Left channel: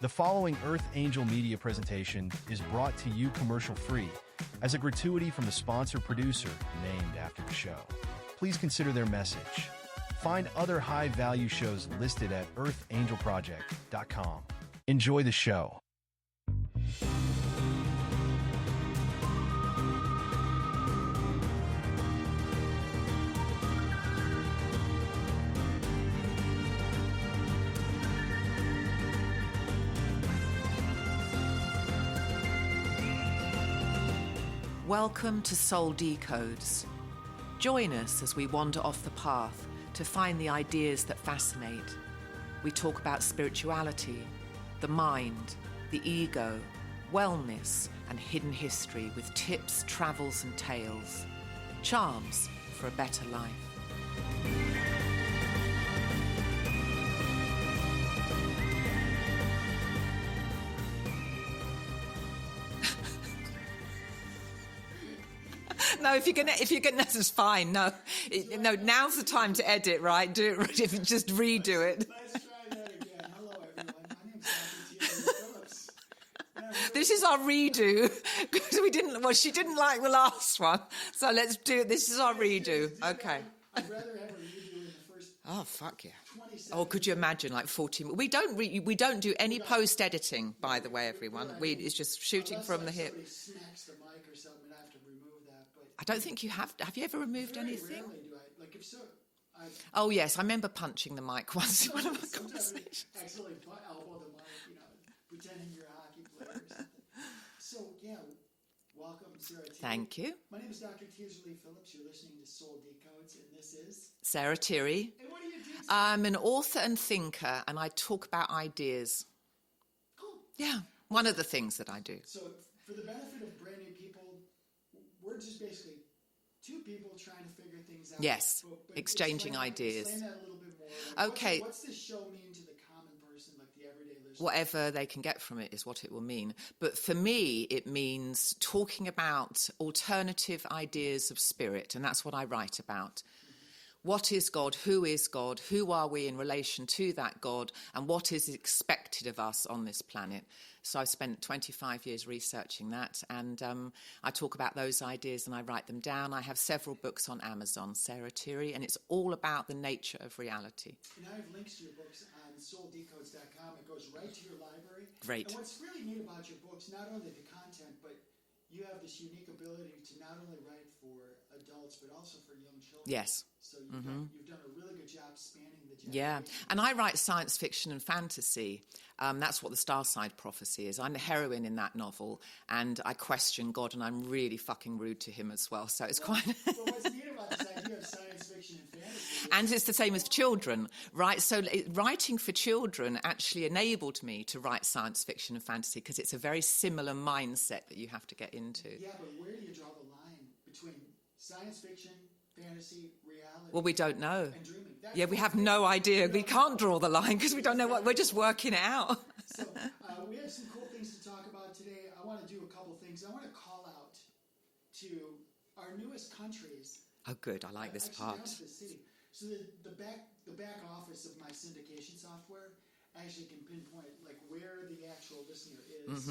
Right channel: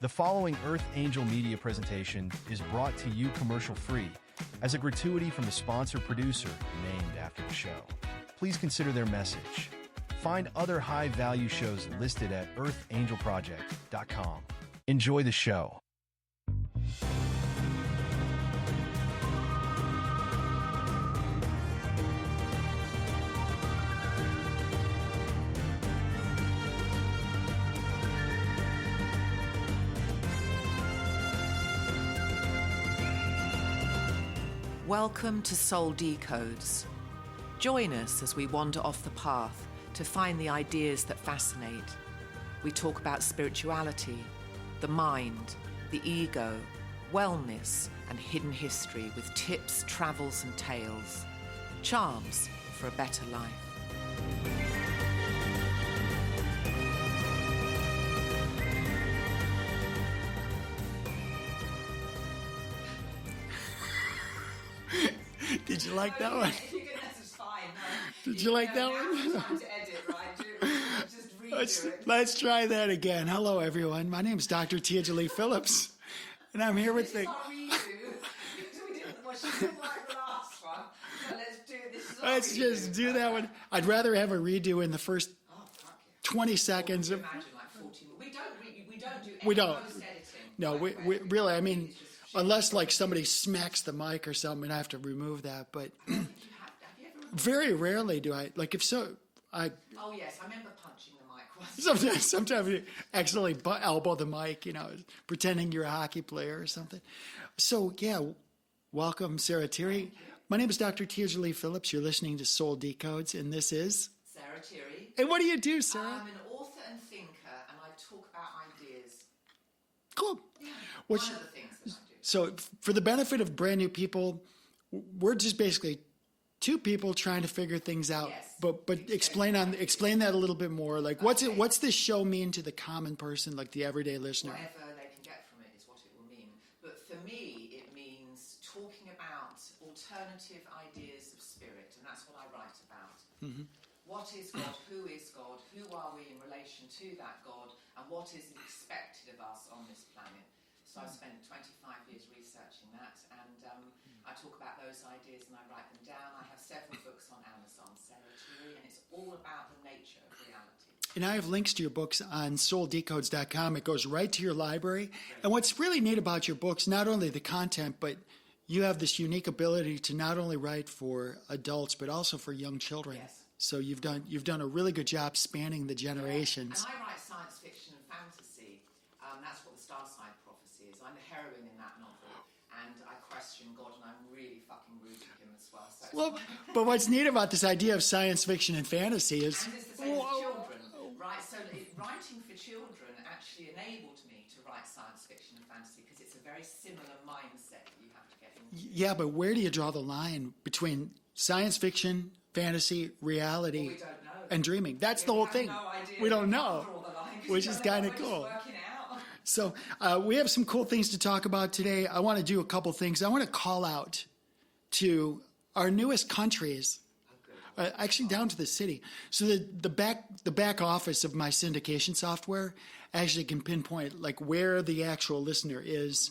The following Earth Angel media presentation is brought to you commercial-free as a gratuity from the sponsor producer named after the show. Please consider their message. Find other high-value shows listed at earthangelproject.com. Enjoy the show. Welcome to Soul Decodes. Join us as we wander off the path to find the ideas that fascinate. We talk about spirituality, the mind, the ego, wellness, and hidden history with tips, travels, and tales. Charms for a better life. If you're gonna, this is fine. No, now's the time to edit, right? Just redo it. Let's try that again. Hello, everyone. My name is Dr. Tia Jolie Phillips, and I'm here. This is our redo because we didn't. Well, she didn't like the last one, so let's do it. This is our redo. Just do that one. I'd rather have a redo in the first. Oh fuck yeah! 20 seconds. Or could you imagine like 40? We don't do any post editing. No, by the way, everyone. Really. I mean, it's just shooting unless like the somebody hip. Smacks the mic or something, and I have to remove that. But I don't think you have. Have you ever removed? Very rarely do I. Like if so. Oh yes, I remember punching the mic once. Sometimes you accidentally elbow the mic, pretending you're a hockey player or something. So yeah, welcome Sarah Tirri. Thank you. My name is Dr. Tia Jolie Phillips. You're listening to Soul Decodes, and this is Sarah Tirri. And what do you do, Sarah? I'm an author and thinker, and I talk about ideas. Cool. Yeah, one of the things that I do. So for the benefit of brand new people, we're just basically two people trying to figure things out. Yes, but explain that a little bit more. Like, what's this show mean to the common person, like the everyday listener? Whatever they can get from it is what it will mean. But for me, it means talking about alternative ideas of spirit, and that's what I write about. Mm-hmm. What is God? Who is God? Who are we in relation to that God? And what is expected of us on this planet? So I've spent 25 years researching that, and I talk about those ideas and I write them down. I have several books on Amazon, Sarah Tirri, and it's all about the nature of reality. And I have links to your books on souldecodes.com. It goes right to your library. Great. And what's really neat about your books, not only the content, but you have this unique ability to not only write for adults, but also for young children. Yes. So you've done a really good job spanning the generations. Yeah. And I write science fiction and fantasy. That's what the Star Side Prophecy is. I'm the heroine in that novel, and I question God, and I'm really fucking rude to him as well. So it's quite. But what's neat about this idea of science fiction and fantasy is, and it's the same as children, right? So writing for children actually enabled me to write science fiction and fantasy because it's a very similar mindset that you have to get into. Yeah, but where do you draw the line between science fiction, fantasy, reality? Well, we don't know. And dreaming. That's the whole thing. We have no idea. We can't draw the line because we don't know what we're just working it out. So we have some cool things to talk about today. I want to do a couple things. I want to call out to our newest countries. Oh, good. I like this actually, part. down to the city. So the back office of my syndication software actually can pinpoint like where the actual listener is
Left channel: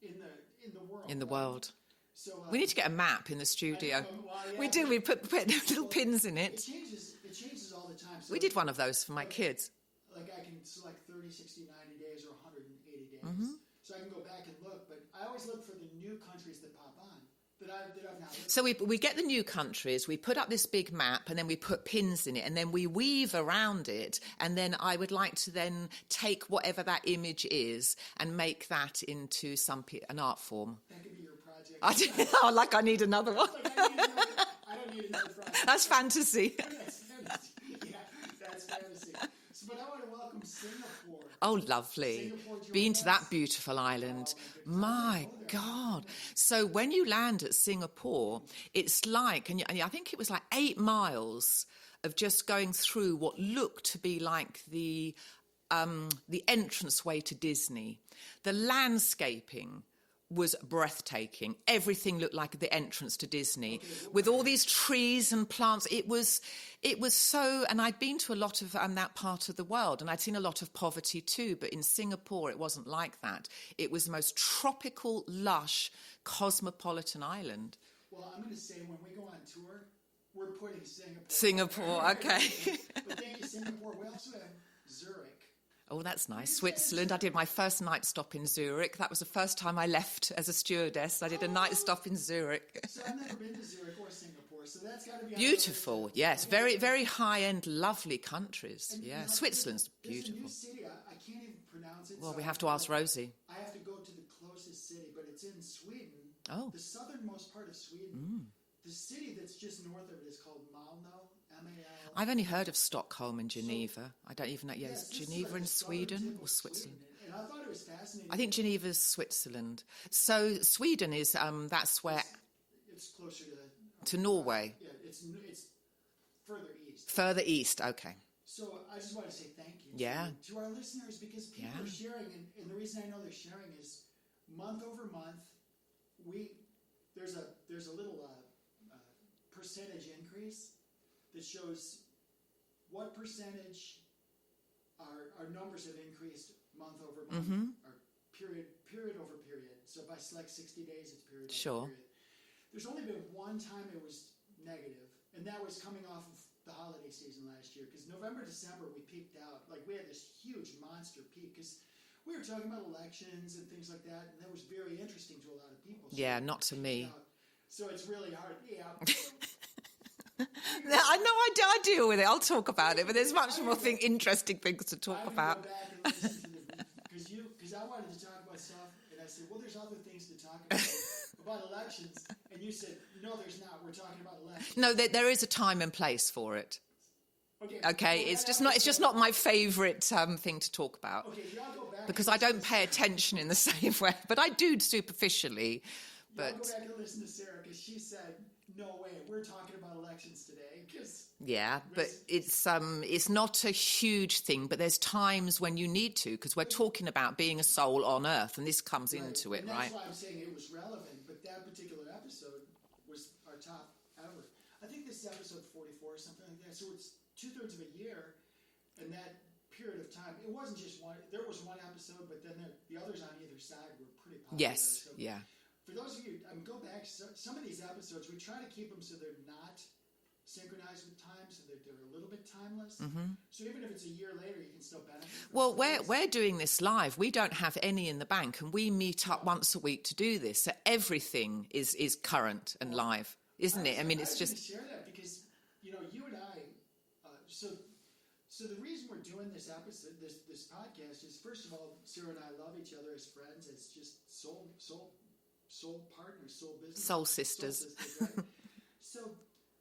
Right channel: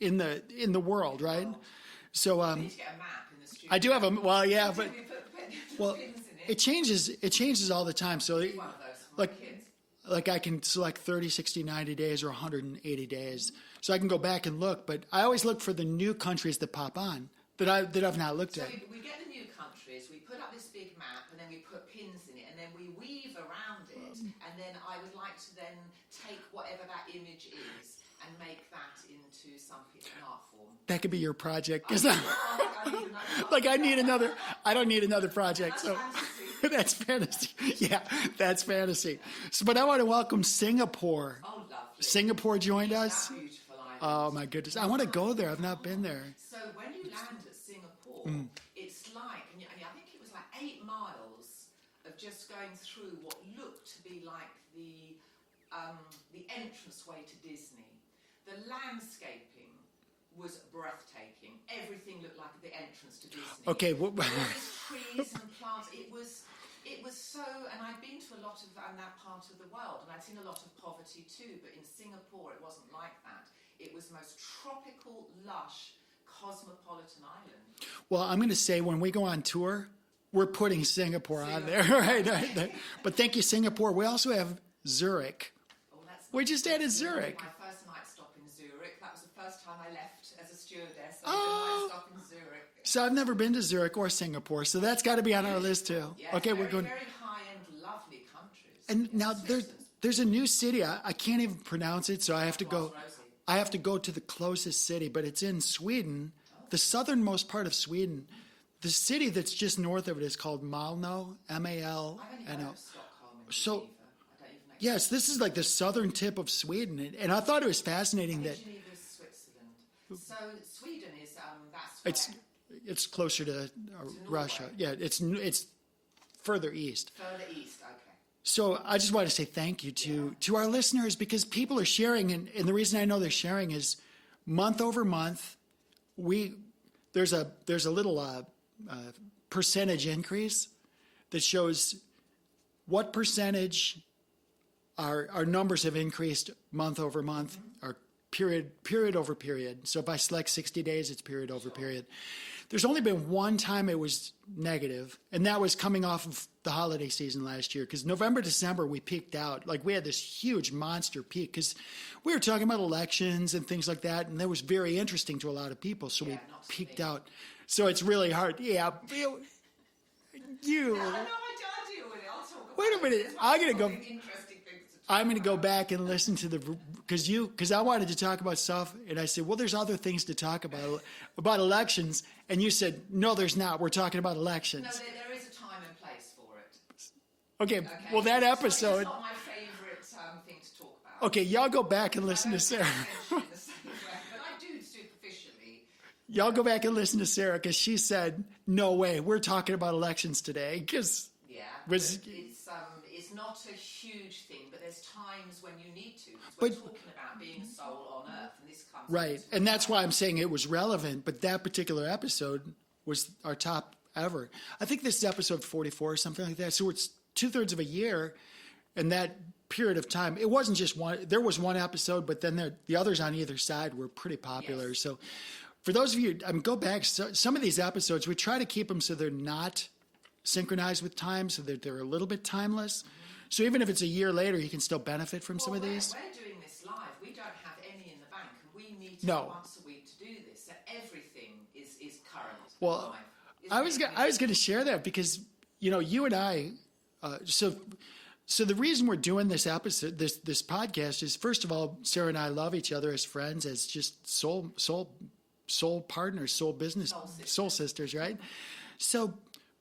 in the world, in the right? World. So we need to get a map in the studio. I do have a yeah. We put little pins in it. It changes all the time. So we did one of those for my kids. Like I can select 30, 60, 90 days or 180 days. So I can go back and look, but I always look for the new countries that pop on that I've not looked at. So we get the new countries, we put up this big map, and then we put pins in it, and then we weave around it, and then I would like to then take whatever that image is and make that into an art form. That could be your project. I need another one. I don't need another project. That's fantasy. That's fantasy. Yeah, that's fantasy. So, but I want to welcome Singapore. Oh, lovely. Singapore joined us. Been to that beautiful island. Oh, my goodness. I want to go there. I've not been there. So when you land at Singapore, it's like, and I think it was like 8 miles of just going through what looked to be like the entranceway to Disney. The landscaping was breathtaking. Everything looked like the entrance to Disney. Okay, with all these trees and plants. It was so, and I'd been to a lot of that part of the world, and I'd seen a lot of poverty too, but in Singapore it wasn't like that. It was the most tropical, lush, cosmopolitan island. Well, I'm going to say when we go on tour, we're putting Singapore on there. Okay. Right? But thank you, Singapore. We also have Zurich. Oh, that's nice. We just did Switzerland. Zurich. I did my first night stop in Zurich. That was the first time I left as a stewardess. I did a night stop in Zurich. So I've never been to Zurich or Singapore, so that's got to be on our list too. Yes, okay, very high-end, lovely countries. And yeah. now Switzerland's there's a new city. I can't even pronounce it, so I have to go. Ask Rosie. I have to go to the closest city, but it's in Sweden, the southernmost part of Sweden. The city that's just north of it is called Malmö, M-A-L. I've only heard of Stockholm and Geneva. I don't even know. Yes, this is like the southern tip of Sweden. And I thought it was fascinating. I think Geneva's Switzerland. So Sweden is, that's where... It's closer to Norway. Russia. Yeah, it's further east. Further east, okay. So I just want to say thank you to our listeners, because people are sharing. And the reason I know they're sharing is month over month, there's a little... percentage increase that shows what percentage our numbers have increased month over month, or period over period. So if I select 60 days, it's period over period. There's only been one time it was negative, and that was coming off of the holiday season last year, because November, December, we peaked out. Like, we had this huge monster peak because we were talking about elections and things like that, and that was very interesting to a lot of people. So not to peaked me. out. So it's really hard. Yeah. I know I deal with it. I'll talk about it, but there's much more interesting things to talk about. I'm going to go back and listen to because I wanted to talk about stuff, and I said, well, there's other things to talk about elections, and you said, no, there's not. We're talking about elections. No, there is a time and place for it. Okay. Well, it's just not my favourite thing to talk about. Okay, y'all go back and listen to because I don't pay attention in the same way, but I do superficially. Y'all go back and listen to Sarah, because she said, no way, we're talking about elections today. But it's not a huge thing, but there's times when you need to, because we're talking about being a soul on earth, and this comes into it. And that's why I'm saying it was relevant, but that particular episode was our top ever. I think this is episode 44 or something like that. So it's 2/3 of a year, and that period of time, it wasn't just one. There was one episode, but then the others on either side were pretty popular. Yes. So for those of you, go back. Some of these episodes, we try to keep them so they're not synchronized with time, so that they're a little bit timeless. So even if it's a year later, you can still benefit from some of these. Well, we're doing this live. We don't have any in the bank, and we meet up once a week to do this. So everything is current and live, isn't it? I was going to share that because, you and I, so the reason we're doing this episode, this podcast, is, first of all, Sarah and I love each other as friends, as just soul partners, soul business, soul sisters, right?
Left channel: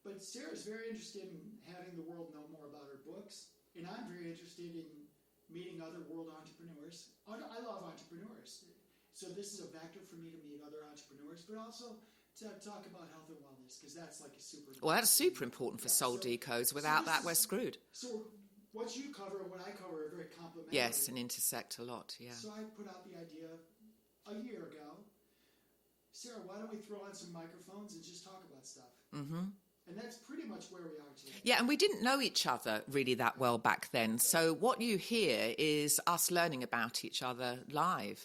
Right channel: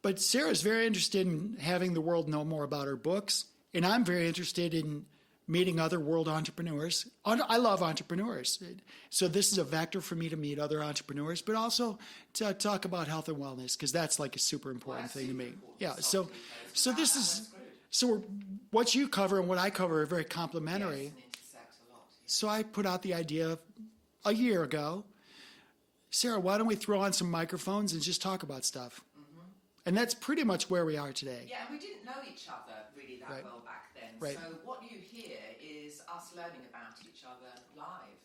But Sarah's very interested in having the world know more about her books, and I'm very interested in meeting other world entrepreneurs. I love entrepreneurs, so this is a vector for me to meet other entrepreneurs, but also to talk about health and wellness, because that's like a super important. Well, that's thing super to me. important for Soul Decodes. Without that, we're screwed. So what you cover and what I cover are very complementary. Yes, and intersect a lot. Yeah. So I put out the idea a year ago. Sarah, why don't we throw on some microphones and just talk about stuff? And that's pretty much where we are today. Yeah, and we didn't know each other really that well back then. Right. So what you hear is us learning about each other live.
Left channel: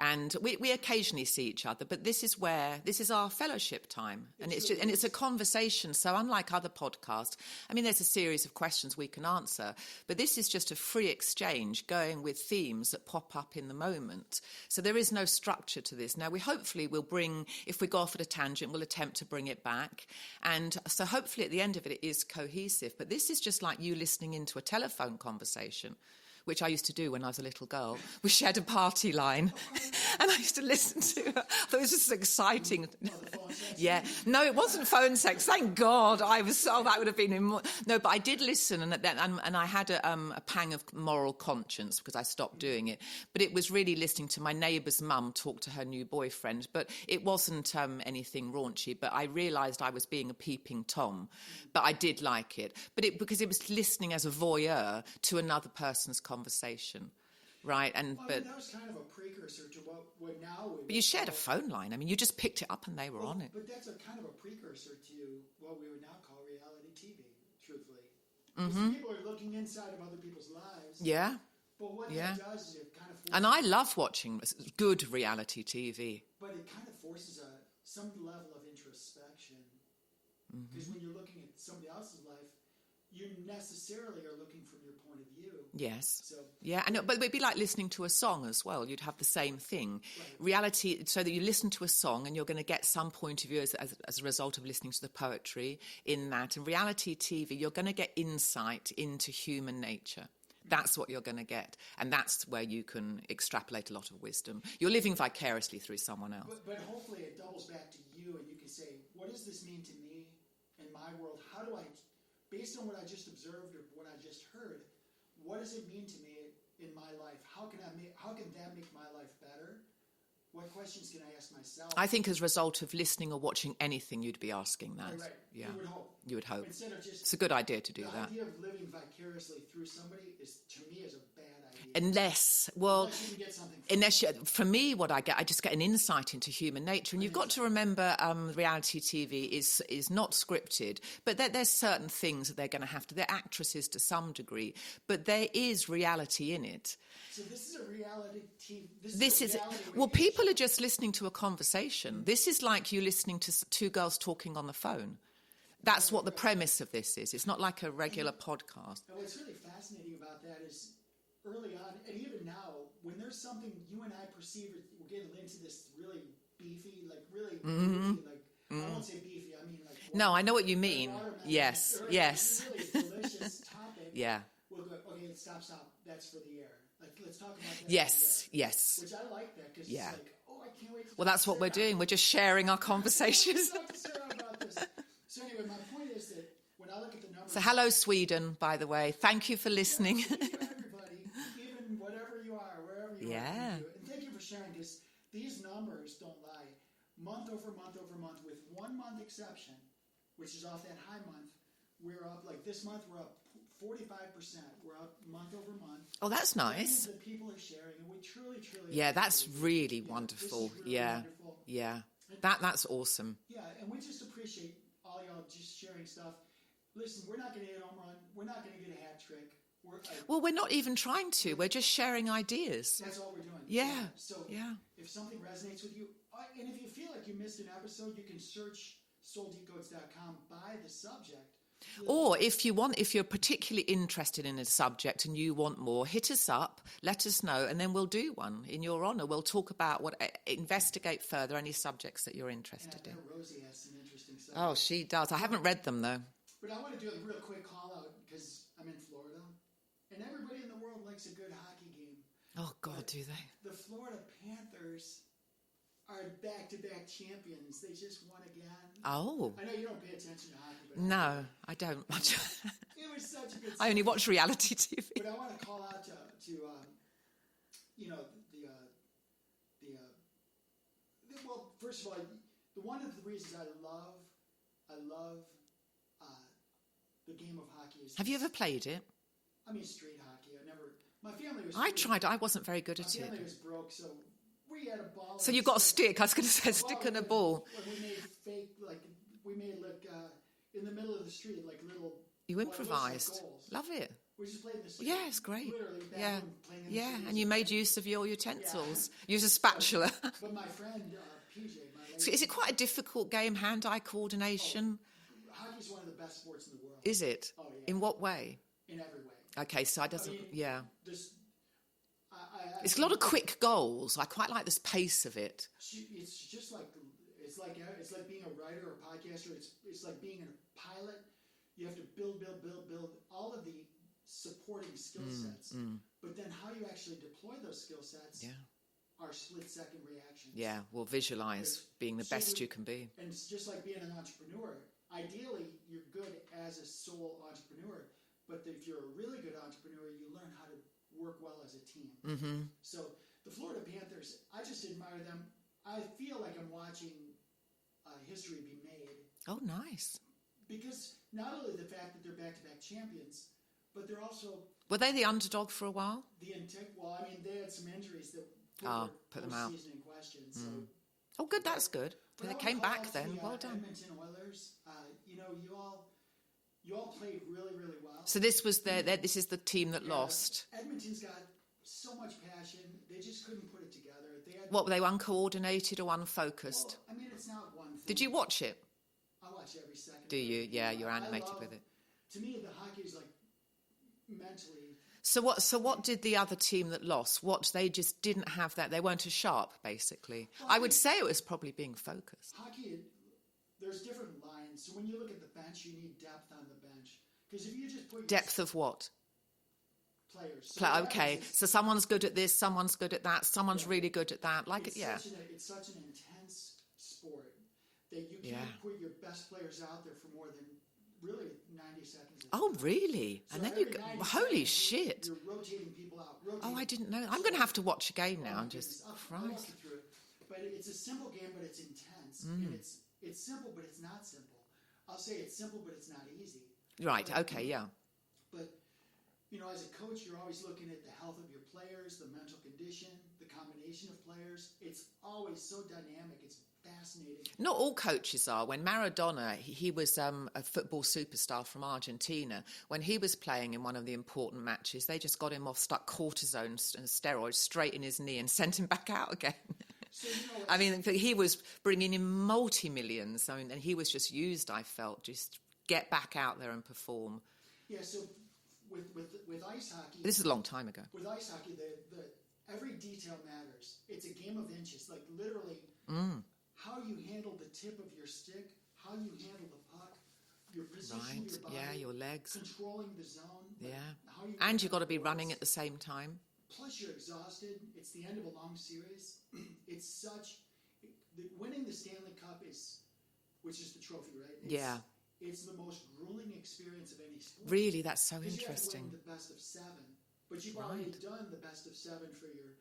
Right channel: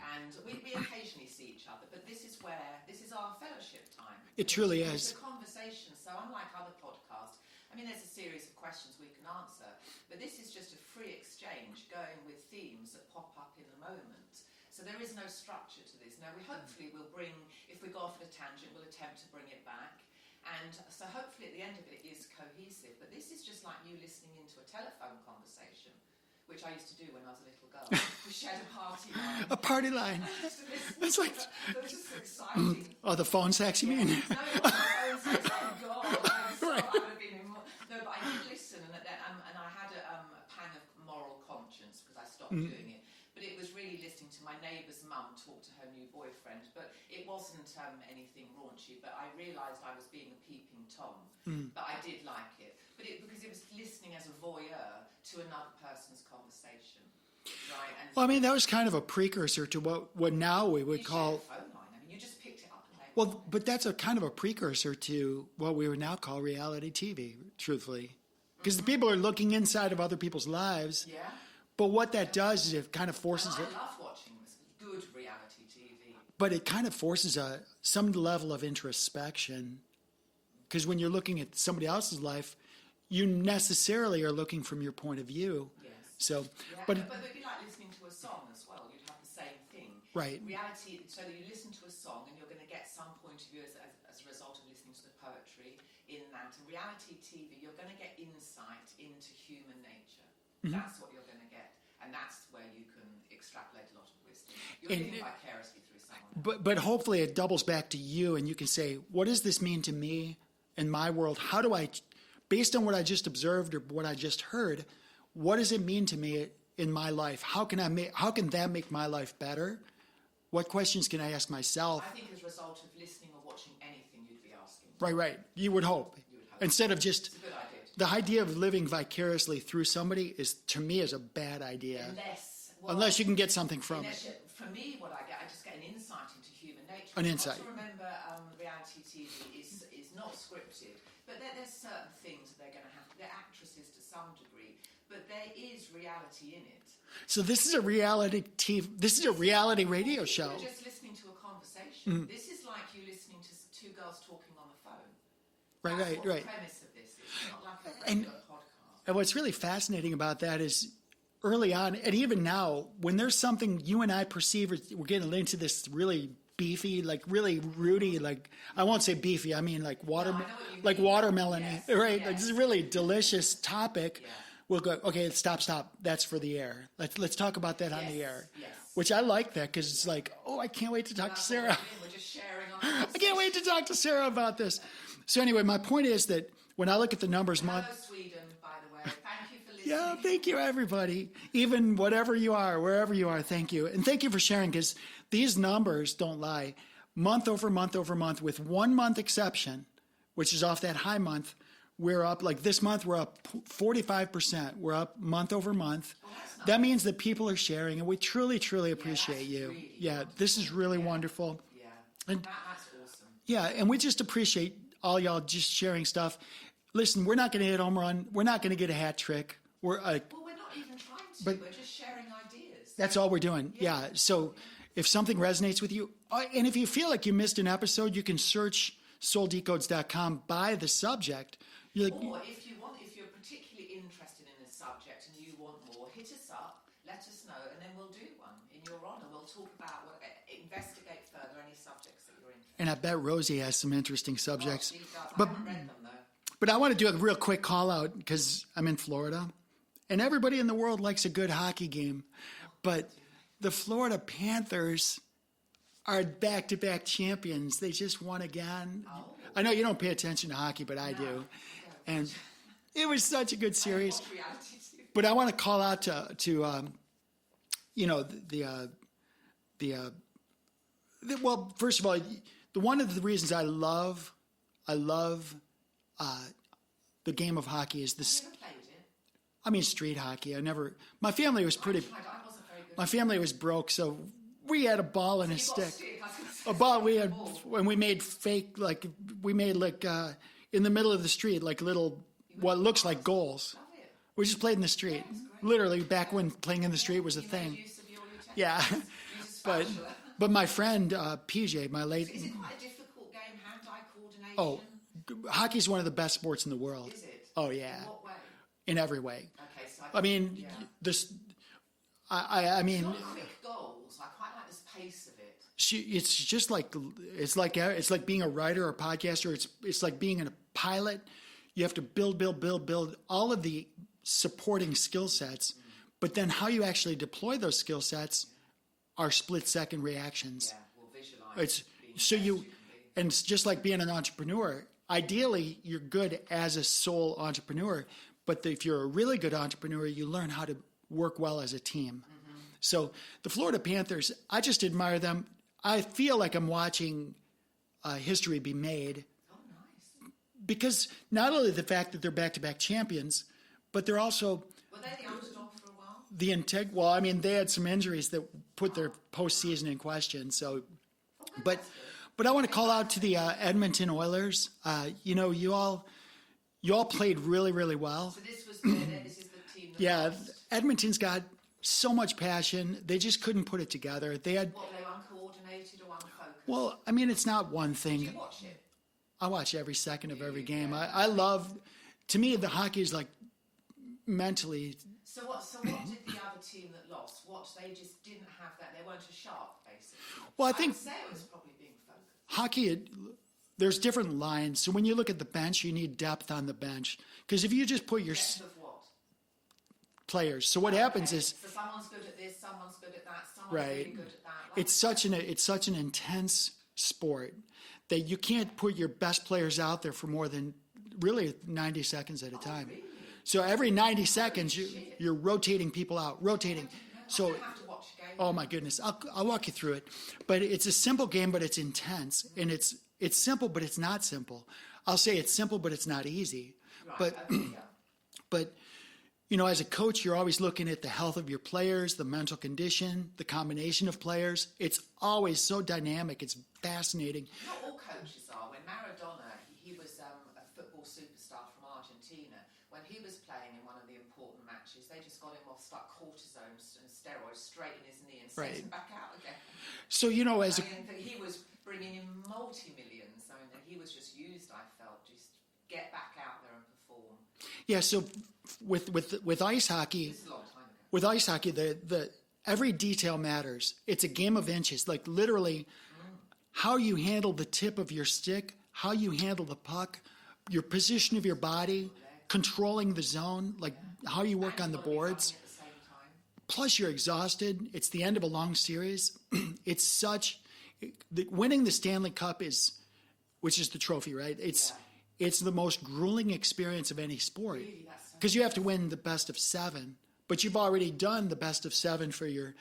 And we occasionally see each other, but this is our fellowship time. It truly is. And it's a conversation. So unlike other podcasts, there's a series of questions we can answer, but this is just a free exchange going with themes that pop up in the moment. So there is no structure to this. Now, we'll bring, if we go off at a tangent, we'll attempt to bring it back. And so hopefully at the end of it, it is cohesive. But this is just like you listening into a telephone conversation, which I used to do when I was a little girl. We shared a party line. A party line. And I used to listen to it. It was just exciting. Oh, the phone sex? Yeah. No, it wasn't phone sex. Thank God. I would have been in more. No, but I did listen, and I had a pang of moral conscience because I stopped doing it. But it was really listening to my neighbour's mum talk to her new boyfriend. But it wasn't anything raunchy. But I realised I was being a peeping Tom. But I did like it. But because it was listening as a voyeur to another person's conversation. right? And well, I mean, that was kind of a precursor to what now we would you call... shared a phone line. I mean, you just picked it up and they were on it. But that's a kind of a precursor to what we would now call reality TV, truthfully. Because the people are looking inside of other people's lives. Yeah. But what that does is it kind of forces... And I love watching good reality TV. But it kind of forces some level of introspection. Because when you're looking at somebody else's life, you necessarily are looking from your point of view. Yes. So yeah, but it'd be like listening to a song as well. You'd have the same thing. Right. Reality, so that you listen to a song and you're going to get some point of view as a result of listening to the poetry in that. And reality TV, you're going to get insight into human nature. That's what you're going to get. And that's where you can extrapolate a lot of wisdom. You're living vicariously through someone else. But hopefully it doubles back to you and you can say, what does this mean to me in my world? How do I, based on what I just observed or what I just heard, what does it mean to me in my life? How can that make my life better? What questions can I ask myself? I think as a result of listening or watching anything, you'd be asking that. Right. Yeah. You would hope. You would hope. Instead of just... It's a good idea to do the that. idea of living vicariously through somebody is, to me, is a bad idea. Unless you can get something from it. For me, what I just get an insight into human nature. And you've got to remember reality TV is not scripted, but there's certain things that they're going to have to... They're actresses to some degree, but there is reality in it. So this is a reality TV... This is a reality radio show. Well, people are just listening to a conversation. This is like you listening to two girls talking on the phone. That's what the premise of this is. It's not like a regular podcast. And what's really fascinating about that is early on, and even now, when there's something you and I perceive, we're getting into this really beefy, like really rooty, like I won't say beefy, I mean like No, I know what you mean. Like watermelon. Yes. Right? Yes. It's a really delicious topic. Yeah. We'll go, okay, stop. That's for the air. Let's talk about that on the air. Yes. Which I like that because it's like, I can't wait to talk to Sarah. That's what we're doing. We're just sharing our conversation. I can't wait to talk to Sarah about this. So anyway, my point is that when I look at the numbers... So hello, Sweden, by the way. Thank you for listening. Yeah, thank you, everybody. Even whatever you are, wherever you are, thank you. And thank you for sharing because these numbers don't lie. Month over month over month, with 1 month exception, which is off that high month, we're up, like this month, we're up 45%. We're up month over month. Oh, that's nice. That means that people are sharing, and we truly, truly appreciate you. Yeah, that's really wonderful. This is really wonderful. Yeah, and that's awesome. Yeah, and we just appreciate all y'all just sharing stuff. Listen, we're not going to hit home run. We're not going to get a hat trick. We're not even trying to. We're just sharing ideas. That's all we're doing. Yeah. So if something resonates with you, and if you feel like you missed an episode, you can search souldecodes.com by the subject. Or if you're particularly interested in a subject and you want more, hit us up, let us know, and then we'll do one in your honour. We'll talk about investigate further any subjects that you're interested in. And I bet Rosie has some interesting subjects. Oh, she does. I haven't read them, though. But I want to do a real quick call out because I'm in Florida, and everybody in the world likes a good hockey game. Oh, God, but do they? The Florida Panthers are back-to-back champions. They just won again. Oh. I know you don't pay attention to hockey, but I do. No, I don't. And it was such a good series. I only watch reality TV. But I want to call out to well, first of all, one of the reasons I love the game of hockey is this. Have you ever played it? I mean, street hockey. My family was pretty... I tried. I wasn't very good at it. My family was broke, so we had a ball and a stick. So you've got a stick. I was going to say a ball, stick and a ball. And we made in the middle of the street, like little, what looks like goals. Love it. We just played in the street. Yeah, it's great. Literally back when playing in the street was a thing. You made use of your utensils. Yeah. Use a spatula. But my friend, PJ, my late... So is it quite a difficult game, hand-eye coordination? Hockey's one of the best sports in the world. Is it? Oh, yeah. In what way? In every way. Okay, so I mean, I it's a lot of quick goals. I quite like this pace of it. It's just like it's like being a writer or a podcaster. It's like being a pilot. You have to build all of the supporting skill sets, but then how you actually deploy those skill sets are split-second reactions. Yeah, well, visualize being the best you can be. And it's just like being an entrepreneur. Ideally, you're good as a sole entrepreneur, but if you're a really good entrepreneur, you learn how to work well as a team. Mm-hmm. So the Florida Panthers, I just admire them. I feel like I'm watching history be made. Oh, nice. Because not only the fact that they're back-to-back champions, but they're also Were they the underdog for a while? Well, I mean, they had some injuries that put their postseason in question. So, oh, good, that's good. But I want to call out to the Edmonton Oilers. You all played really, really well. So this was this is the team that lost. Edmonton's got so much passion. They just couldn't put it together. They had what, were they uncoordinated or unfocused? Well, I mean, it's not one thing. Did you watch it? I watch every second of every game. Yeah, I love. To me, the hockey is like mentally. So what did the other team that lost? What, they just didn't have that? They weren't as sharp, basically. Well, I would say it was probably being focused. Hockey, there's different lines. So when you look at the bench, you need depth on the bench. Because if you just put your depth of what? Players. So what happens is, so someone's good at this, someone's good at that, someone's really good at that. Like it's such an intense sport that you can't put your best players out there for more than really 90 seconds at a time. Oh, really? So every 90 seconds, you're rotating people out, rotating. Oh, I didn't know. I'm going to have to watch a game now. Oh, my goodness. I'll walk you through it. But it's a simple game, but it's intense. And it's simple, but it's not simple. I'll say it's simple, but it's not easy. Right, okay, yeah. But, as a coach, you're always looking at the health of your players, the mental condition, the combination of players. It's always so dynamic. It's fascinating. Not all coaches are. When Maradona, he was a football superstar from Argentina. When he was playing in one of the important matches, they just got him off, stuck cortisone and steroids straight in his knee and sent him back out again. So, he was bringing in multi-millions. And he was just used, I felt, just get back out there and perform. Yeah, so with ice hockey... This is a long time ago. With ice hockey, the every detail matters. It's a game of inches. Like, literally, how you handle the tip of your stick, how you handle the puck, your position of your body, your legs, controlling the zone, how you work on the boards. And you've got to be running at the same time. Plus, you're exhausted. It's the end of a long series. Winning the Stanley Cup which is the trophy, right? It's the most grueling experience of any sport. Really, that's so. Because you have to win the best of 7, but you've already done the best of 7 for your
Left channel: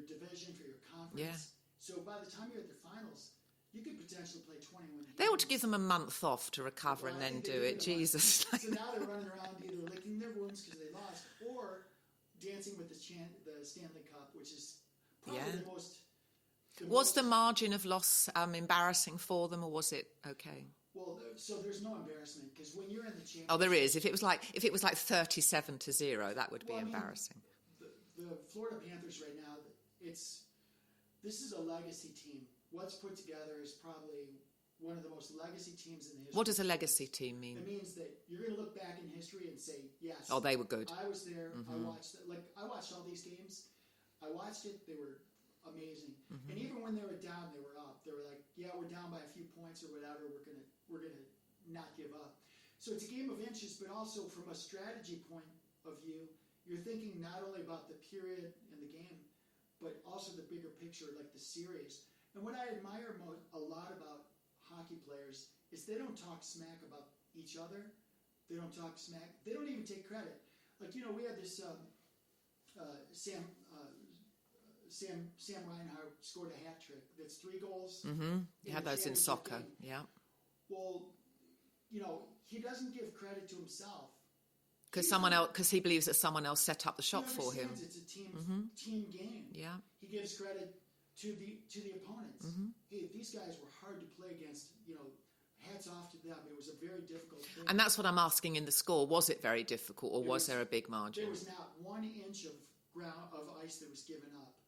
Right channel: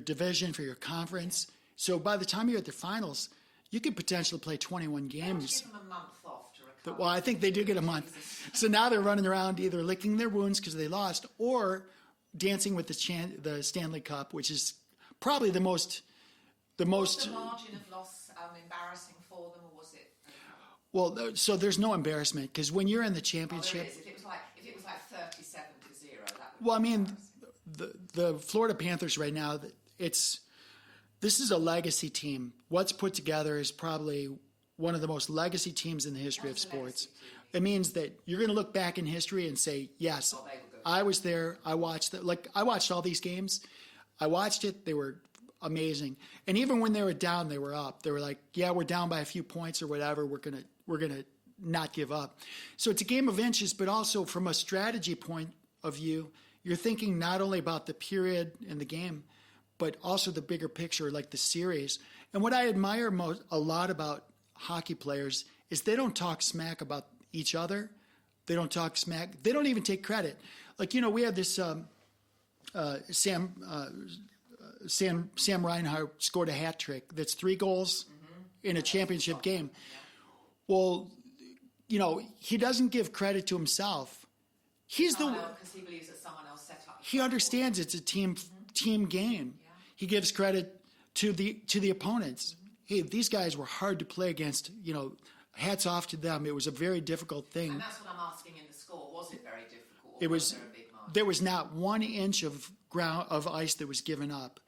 division, for your conference. Yeah. So by the time you're at the finals, you could potentially play 21 games. They ought to give them a month off to recover. Well, I think they do get a month. So now they're running around either licking their wounds because they lost, or dancing with the Stanley Cup, which is probably the most. Was the margin of loss embarrassing for them, or was it okay? Well, so there's no embarrassment because when you're in the championship... Oh, there is. If it was like 37-0, that would be embarrassing. The Florida Panthers right now, this is a legacy team. What's put together is probably one of the most legacy teams in the history of sports. What does a legacy team mean? It means that you're going to look back in history and say, yes. Oh, they were good. I was there. I watched I watched all these games. I watched it. They were amazing. And even when they were down, they were up. They were like, yeah, we're down by a few points or whatever. We're going to not give up. So it's a game of inches, but also from a strategy point of view, you're thinking not only about the period in the game, but also the bigger picture, like the series. And what I admire a lot about hockey players is they don't talk smack about each other. They don't talk smack. They don't even take credit. Like, we have this Sam Reinhart scored a hat trick. That's 3 goals in a championship game. Yeah. Well, he doesn't give credit to himself. Because he believes that someone else set up the shot. He understands it's a team game. Yeah. He gives credit to the opponents. Hey, these guys were hard to play against. Hats off to them. It was a very difficult thing. And that's what I'm asking in the score. Was it very difficult, or was there a big margin? There was not 1 inch of ice that was given up.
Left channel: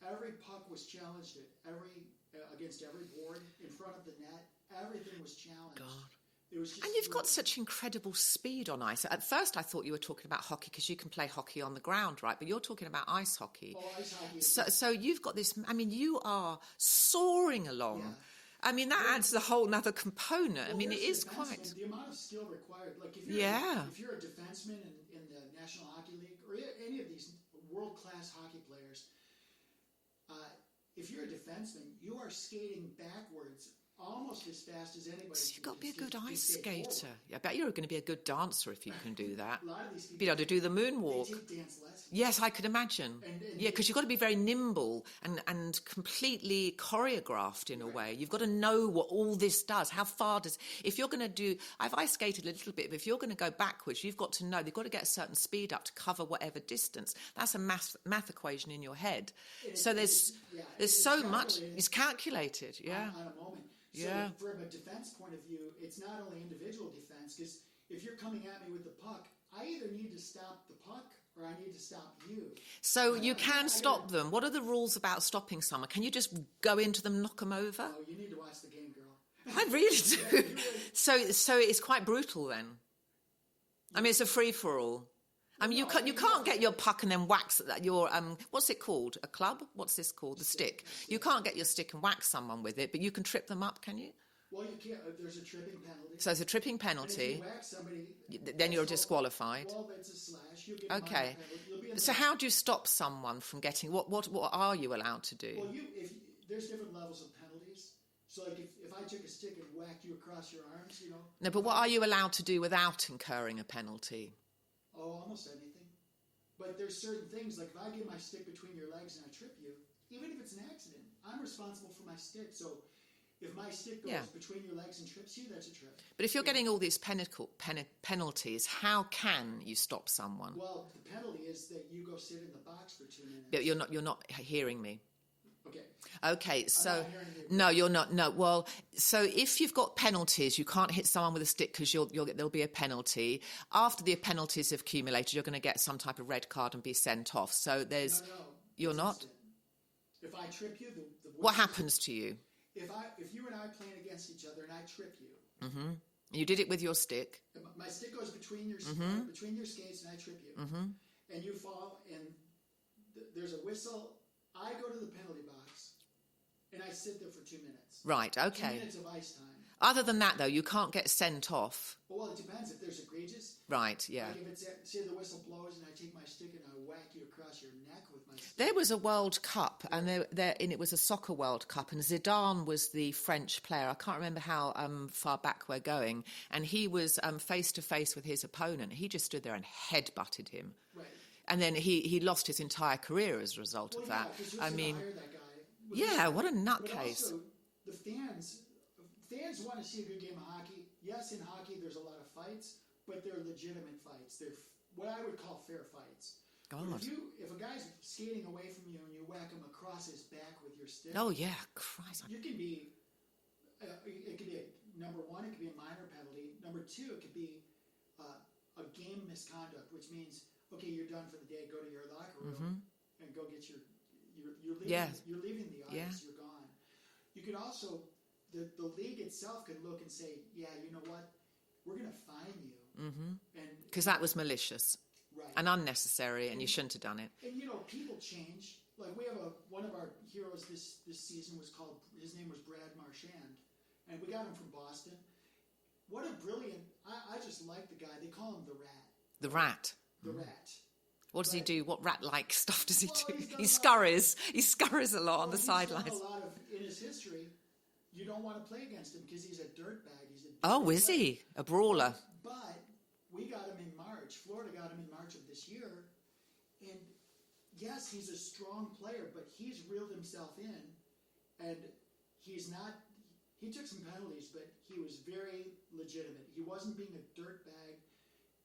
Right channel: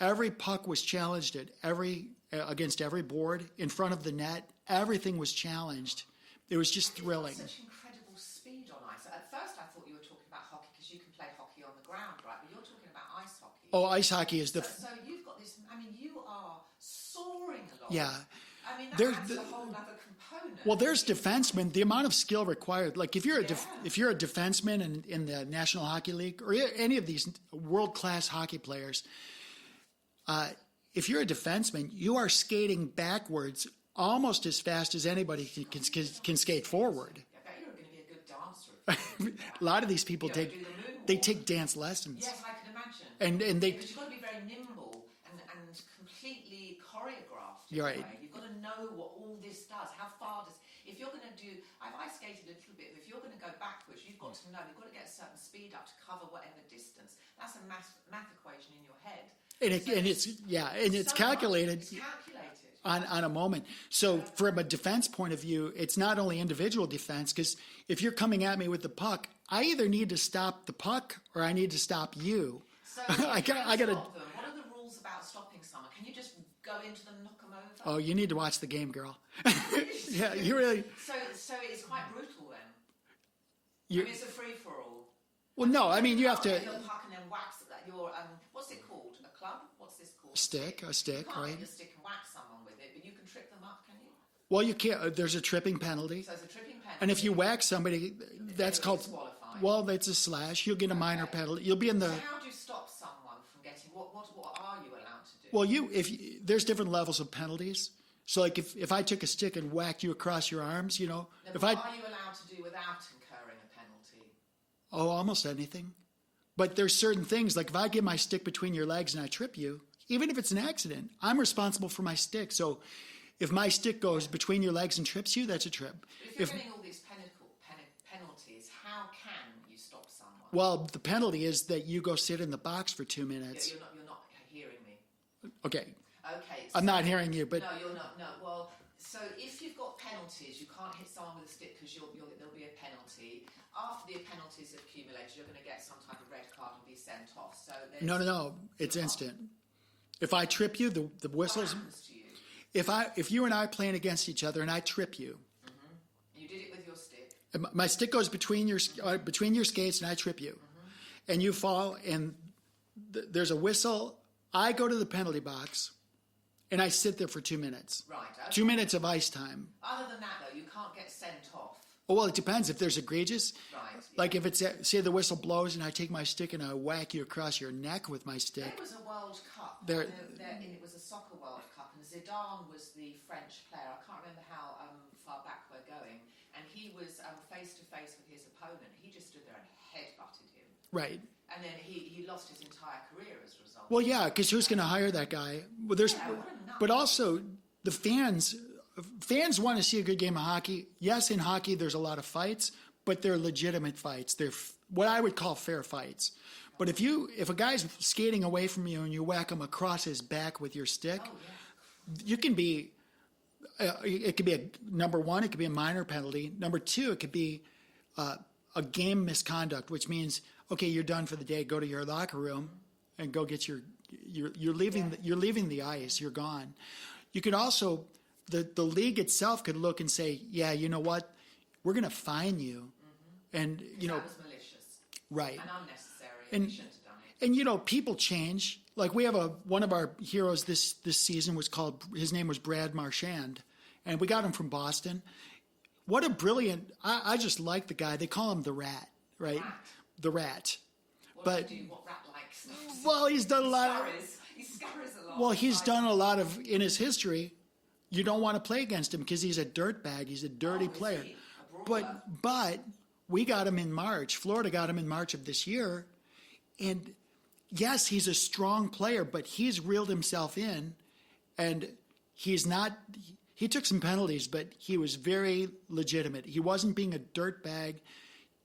Every puck was challenged against every board in front of the net. Everything was challenged. It was just thrilling. And you've got such incredible speed on ice. At first, I thought you were talking about hockey because you can play hockey on the ground, right? But you're talking about ice hockey. Oh, ice hockey is so you've got this. I mean, you are soaring along. Yeah. I mean, that adds a whole other component. Well, there's defensemen. The amount of skill required. Like if you're a defenseman in the National Hockey League or any of these world-class hockey players, if you're a defenseman, you are skating backwards almost as fast as anybody can skate forward. I bet you're going to be a good dancer if you can do that. A lot of these people, they do the moonwalk. They take dance lessons. Yes, I could imagine. And because you've got to be very nimble and completely choreographed in a way. You've got to know what all this does. How far does... If you're going to do... I skated a little bit, but if you're going to go backwards, you've got to know. You've got to get a certain speed up to cover whatever distance. That's a math equation in your head. And it's calculated. It's calculated. On a moment. So from a defense point of view, it's not only individual defense, because if you're coming at me with the puck, I either need to stop the puck or I need to stop you. So you can stop them. What are the rules about stopping someone? Can you just go into them, knock them over? Oh, you need to watch the game, girl. I really do. Yeah, you really... So it's quite brutal then. I mean, it's a free for all. Well, you can't get your puck and then wax your what's it called? A club? What's this called? A stick. You can't get your stick and whack someone with it, but you can trip them up, can you? Well, you can't. There's a tripping penalty. So it's a tripping penalty. And if you whack somebody, then you're disqualified. Well, that's a slash. You'll get a minor penalty. You'll be in the. So how do you stop someone from getting? What are you allowed to do? Well, there's different levels of penalties. So, like, if I took a stick and whacked you across your arms, you know. No, but what are you allowed to do without incurring a penalty? Oh, almost anything. But there's certain things, like if I get my stick between your legs and I trip you, even if it's an accident, I'm responsible for my stick. So if my stick goes between your legs and trips you, that's a trip. But if you're getting all these penalties, how can you stop someone? Well, the penalty is that you go sit in the box for 2 minutes. You're not hearing me. Okay. So, I'm not hearing you. But... No, you're not. No. Well, so if you've got penalties, you can't hit someone with a stick because there'll be a penalty. After the penalties have accumulated, you're going to get some type of red card and be sent off. So there's... No. It's instant. If I trip you, the whistle... What happens to you? If you and I are playing against each other and I trip you... Mm-hmm. You did it with your stick. My stick goes between your skates and I trip you. Mm-hmm. And you fall and there's a whistle... I go to the penalty box, and I sit there for 2 minutes. Right, okay. 2 minutes of ice time. Other than that, though, you can't get sent off. Oh, well, it depends. If there's egregious. Right, yeah. Like if it's, say the whistle blows, and I take my stick and I whack you across your neck with my stick. There was a World Cup, and it was a soccer World Cup, and Zidane was the French player. I can't remember how far back we're going, and he was face-to-face with his opponent. He just stood there and head-butted him. Right. And then he lost his entire career as a result. Well, yeah, because who's going to hire that guy? Well, what a nutcase. But also, the fans want to see a good game of hockey. Yes, in hockey, there's a lot of fights, but they're legitimate fights. They're what I would call fair fights. But if a guy's skating away from you and you whack him across his back with your stick, oh yeah, Christ. You can be. It could be number one. It could be a minor penalty. Number two, it could be a game misconduct, which means. Okay, you're done for the day. Go to your locker room and go get you're leaving. You're leaving the ice. You're gone. You could also the league itself could look and say, yeah, you know what, we're going to fine you, and because that was malicious, right, and unnecessary, and you shouldn't have done it. And people change. Like we have one of our heroes this season his name was Brad Marchand, and we got him from Boston. What a brilliant! I just like the guy. They call him the Rat. Right? The Rat. What does he do? What rat-like stuff does he do? Well, he's done a lot. He scurries a lot. Well, he's done a lot of in his history. You don't want to play against him because he's a dirtbag. He's a dirty player. Oh, is he? A brawler. But we got him in March. Florida got him in March of this year. And yes, he's a strong player, but he's reeled himself in. And he's not... He took some penalties, but he was very legitimate. He wasn't being a dirtbag.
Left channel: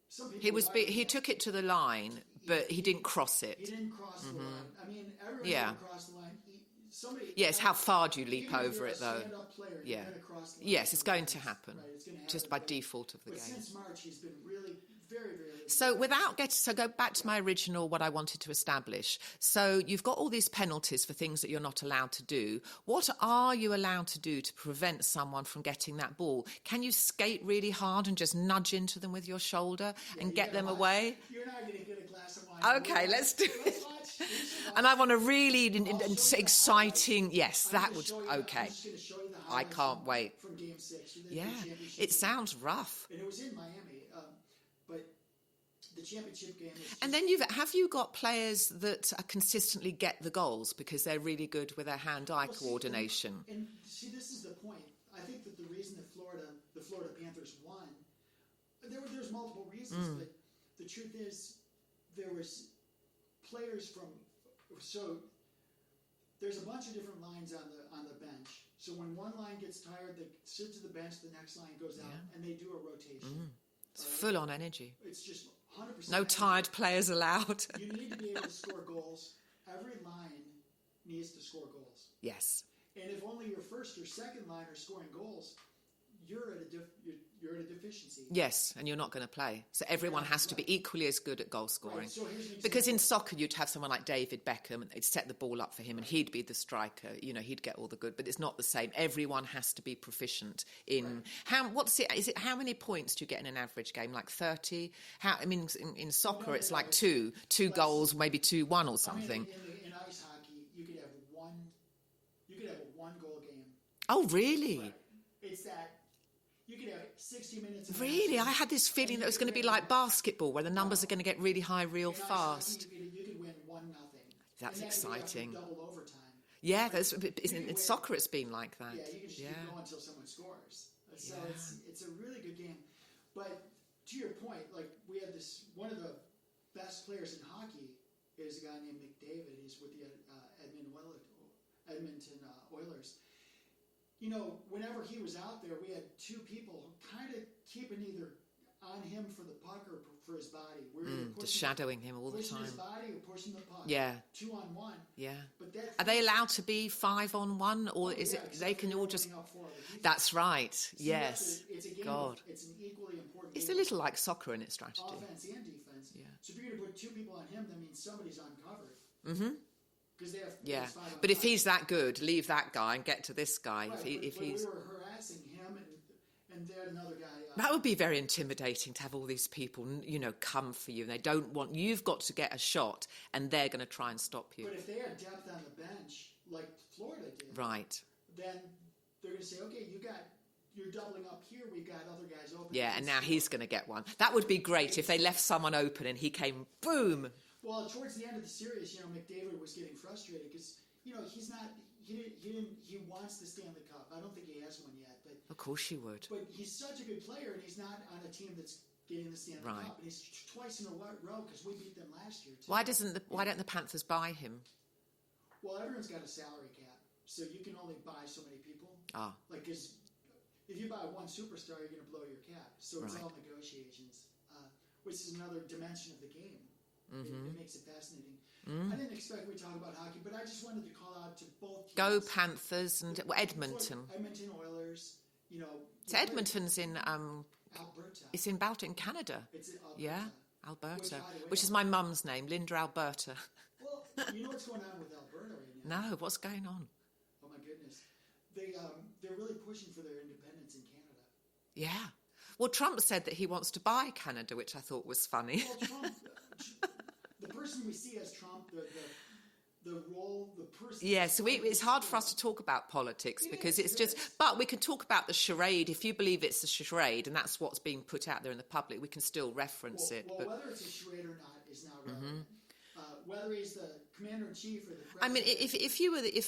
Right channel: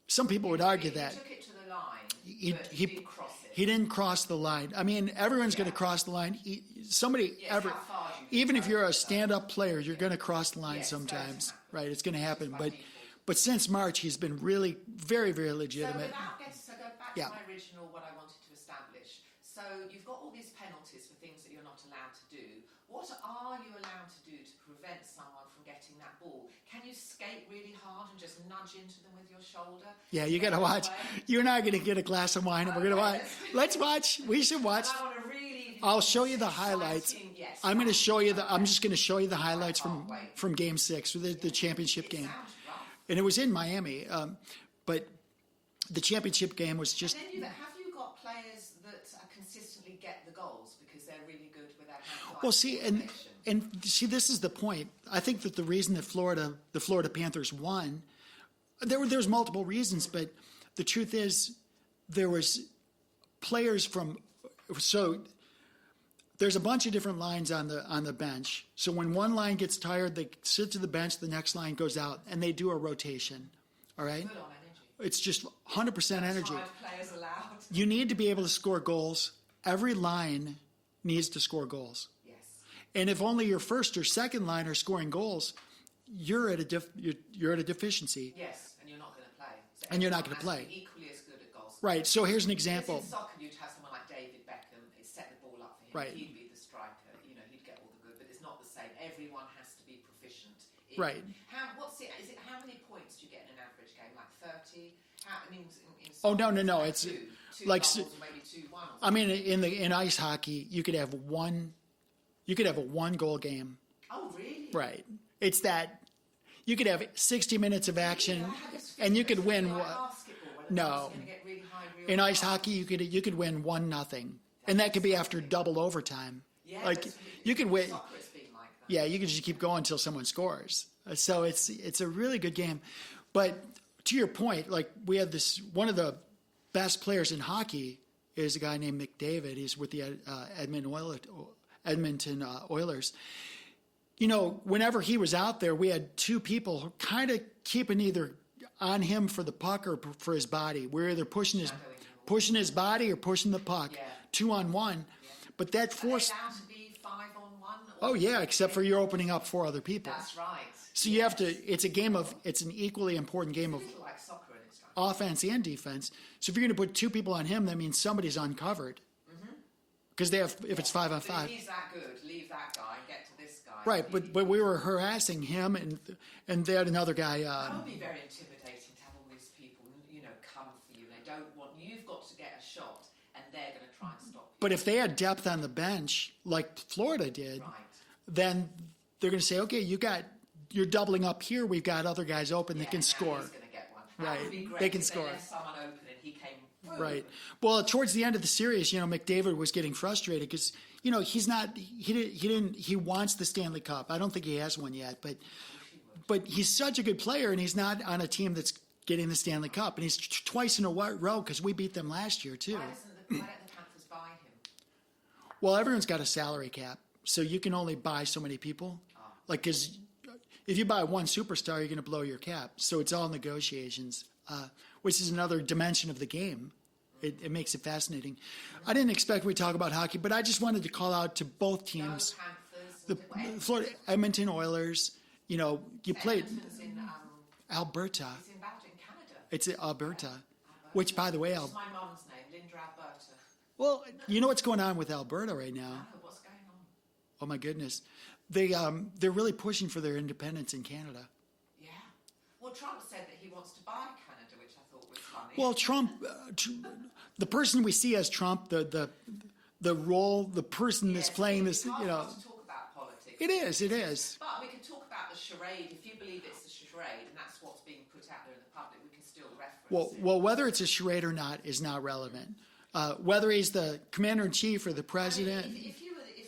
Some people would argue that. He took it to the line, but he didn't cross it. He didn't cross the line. I mean, everyone's going to cross the line. Yes, how far do you leap even if you're over a stand-up player, you're going to cross the line sometimes. Yes, it's going to happen. Right, it's going to happen. Just by default. But since March, he's been really very, very legitimate. So go back to my original, what I wanted to establish. So you've got all these penalties for things that you're not allowed to do. What are you allowed to do to prevent someone from getting that ball? Can you skate really hard and just nudge into them with your shoulder? Yeah, you got to watch. You're not going to get a glass of wine. Okay, let's watch. We should watch. And I want a really exciting. Yes, I'm going to show you. I'm just going to show you the highlights from Game 6, the championship game. It sounds rough. And it was in Miami, but the championship game was just... And then have you got players that consistently get the goals because they're really good with their hand-eye coordination? And see, this is the point. I think that the reason that the Florida Panthers won, there's multiple reasons, but the truth is there was players from... So there's a bunch of different lines on the bench. So when one line gets tired, they sit to the bench, the next line goes out, and they do a rotation. All right? Full on energy. It's just 100% energy. No tired players allowed. You need to be able to score goals. Every line needs to score goals. Yes. And if only your first or second line are scoring goals, you're at a deficiency. Yes, and you're not going to play. So everyone has to be equally as good at goal scoring. Right, so here's an example. Because in soccer, you'd have someone like David Beckham, they'd set the ball up for him, and he'd be the striker, he'd get all the good, but it's not the same. Everyone has to be proficient in... Right. How many points do you get in an average game? Like 30? In soccer, it's like two like, goals, maybe 2-1 or something. I mean, in ice hockey, you could have a one-goal game. Oh, really? Right. It's that... You could have 60 minutes of action. Really? I had this feeling it was going to be like basketball, where the numbers are going to get really high real fast. In ice hockey, you could win 1-0. And that could be after double overtime. Yeah, like, you can win. Soccer, it's been like that. Yeah, you can just keep going until someone scores. So it's a really good game. But to your point, like we had one of the best players in hockey is a guy named McDavid. He's with the Edmonton Oilers. Whenever he was out there, we had two people kind of keeping either on him for the puck or for his body. We're either pushing his body or pushing the puck. Yeah. 2-on-1. Yeah. But that are they allowed to be 5-on-1? Oh yeah, except for you're opening up 4 other people. That's right. So you have to. It's a game it's an equally important game. It's a little like soccer in its strategy. Offense and defense. So if you're going to put 2 people on him, that means somebody's uncovered. Mm-hmm. Because if it's 5-on-5. But if he's that good, leave that guy and get to this guy. Right, but we were harassing him, and they had another guy. That would be very intimidating to have all these people, come for you. They don't want... You've got to get a shot, and they're going to try and stop you. But if they had depth on the bench, like Florida did, then they're going to say, okay, you're doubling up here. We've got other guys open that can score. Yeah, now he's going to get one. That would be great if they left someone open and he came, boom. Right. Well, towards the end of the series, McDavid was getting frustrated because, he's not, he wants the Stanley Cup. I don't think he has one yet, but. Of course he would. But he's such a good player and he's not on a team that's getting the Stanley Cup. And he's twice in a row because we beat them last year too. Why don't the Panthers buy him? Well, everyone's got a salary cap. So you can only buy so many people. Oh. Like, because if you buy one superstar, you're going to blow your cap. So it's all negotiations, which is another dimension of the game. Mm-hmm. It makes it fascinating. Mm-hmm. I didn't expect we'd talk about hockey, but I just wanted to call out to both teams. Go Panthers and Edmonton. Edmonton Oilers. Edmonton's in... Alberta. It's in Canada. It's in Alberta. Yeah, Alberta. Which, by the way... Which is my mum's name, Linda Alberta. Well, you know what's going on with Alberta right now? No, what's going on? Oh, my goodness. They're really pushing for their independence in Canada. Yeah. Well, Trump said that he wants to buy Canada, which I thought was funny. Well, Trump, the person we see as Trump, the role, the person that's playing this. It's hard for us to talk about politics. It is. But we can talk about the charade. If you believe it's a charade and that's what's being put out there in the public, we can still reference it. Well, whether it's a charade or not is not relevant. Mm-hmm. Whether he's the commander-in-chief or the president. I mean,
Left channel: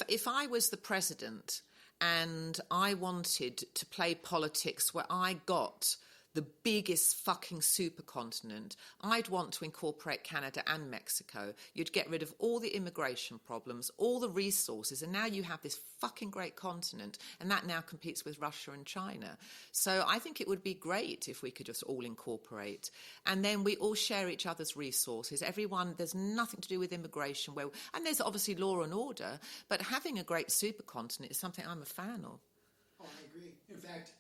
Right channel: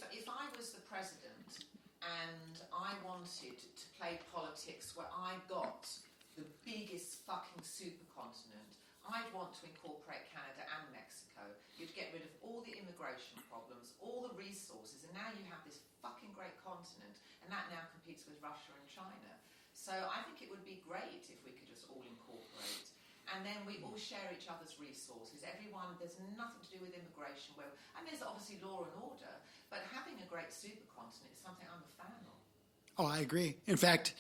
if I was the president and I wanted to play politics where I got the biggest fucking supercontinent, I'd want to incorporate Canada and Mexico. You'd get rid of all the immigration problems, all the resources, and now you have this fucking great continent, and that now competes with Russia and China. So I think it would be great if we could just all incorporate. And then we all share each other's resources. There's nothing to do with immigration. And there's obviously law and order, but having a great supercontinent is something I'm a fan of. Oh, I agree. In fact...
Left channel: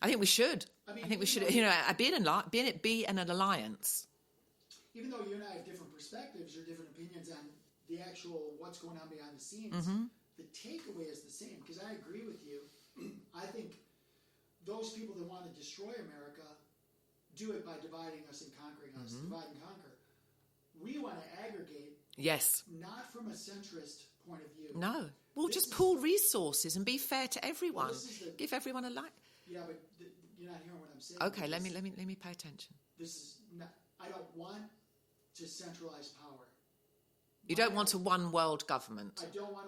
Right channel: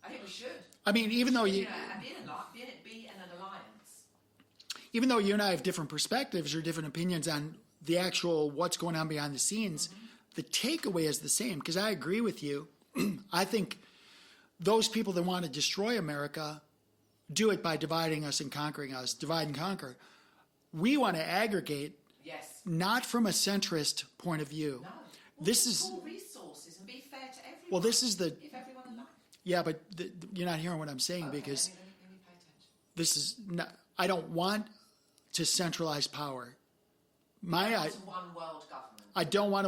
I think we should. I mean, even though be an alliance. Even though you and I have different perspectives or different opinions on the actual what's going on behind the scenes, the takeaway is the same. Because I agree with you. I think those people that want to destroy America do it by dividing us and conquering us. Divide and conquer. We want to aggregate. Yes. Not from a centrist point of view. No. Well, just pool resources and be fair to everyone. Well, this is give everyone a life. Yeah, but you're not hearing what I'm saying. Okay, because let me pay attention. this is not, I don't want to centralize power. You don't want a one world government. I don't want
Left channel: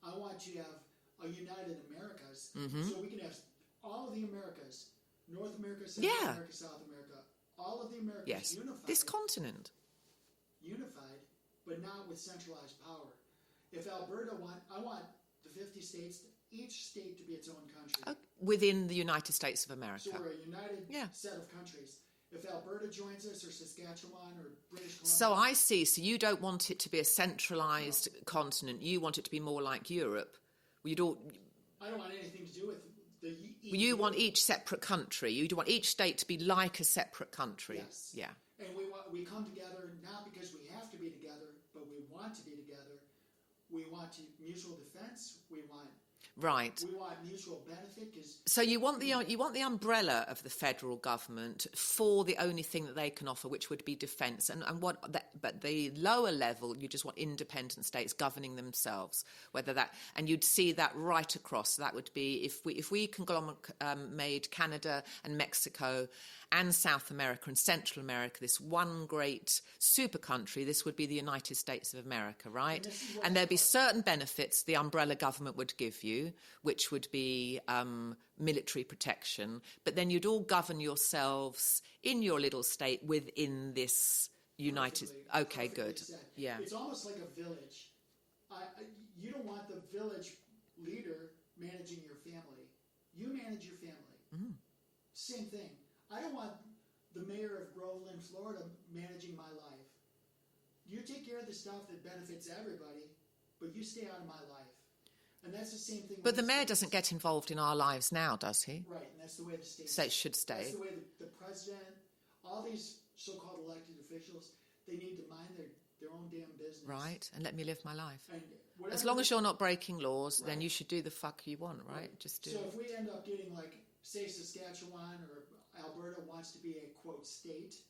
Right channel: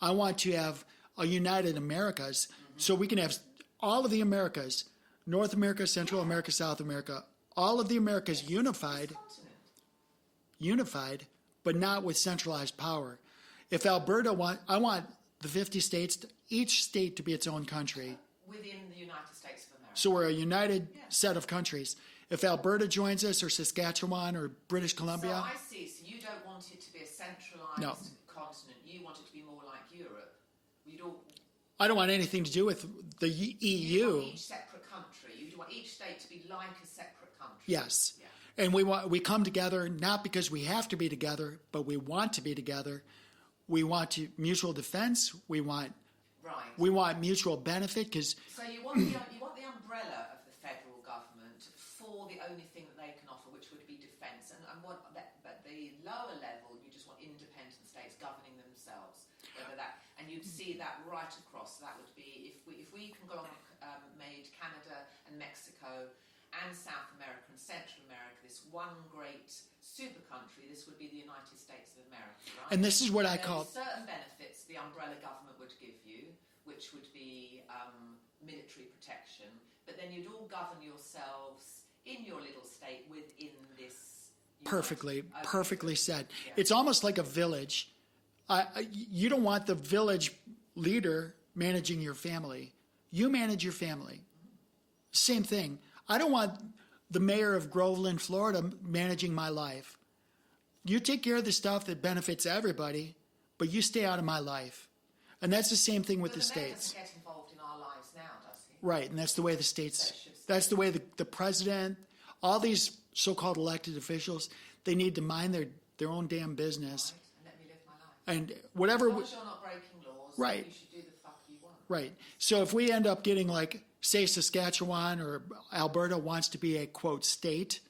I want to have a united Americas, so we can have all of the Americas, North America, Central America, South America, all of the Americas unified. This continent. Unified, but not with centralized power. If Alberta I want the 50 states, each state to be its own country. Within the United States of America. So we're a united set of countries. If Alberta joins us, or Saskatchewan, or British Columbia. So I see. So you don't want it to be a centralized continent. You want it to be more like Europe. I don't want anything to do with the EU. You want each separate country. You want each state to be like a separate country. Yes. Yeah. And we come together not because we have to be together, but we want to be together. We want mutual defense. We want mutual benefit because. So you want the umbrella of the federal government for the only thing that they can offer, which would be defence, but the lower level you just want independent states governing themselves. And you'd see that right across. That would be if we made Canada and Mexico and South America and Central America this one great super country, this would be the United States of America, right? And this is what there'd be certain benefits the umbrella government would give you, which would be military protection, but then you'd all govern yourselves in your little state within this perfectly said. Yeah. It's almost like a village. You don't want the village leader managing your family. You manage your family. Same thing. I don't want the mayor of Groveland, Florida, managing my life. You take care of the stuff that benefits everybody, but you stay out of my life. And that's the same thing with the states. But the mayor doesn't get involved in our lives now, does he? Right, and that's the way the states should stay. That's the way the president, all these so-called elected officials, they need to mind their own damn business. Right, and let me live my life. And whatever. As long as you're not breaking laws, then you should do the fuck you want, right? Right. So if we end up getting like, say, Saskatchewan or Alberta wants to be a, quote, state,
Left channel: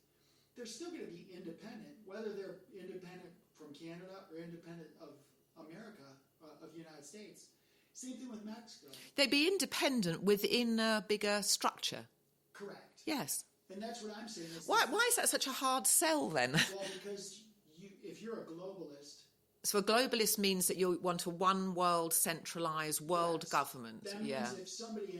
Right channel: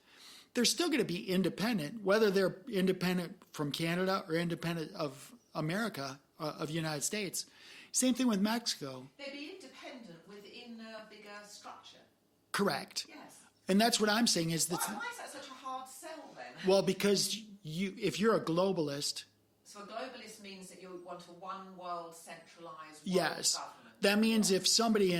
they're still going to be independent, whether they're independent from Canada or independent of America, of the United States. Same thing with Mexico. They'd be independent within a bigger structure. Correct. Yes. And that's what I'm saying is... Why is that such a hard sell, then? Well, because if you're a globalist... So a globalist means that you want a one world centralized world government. That means if somebody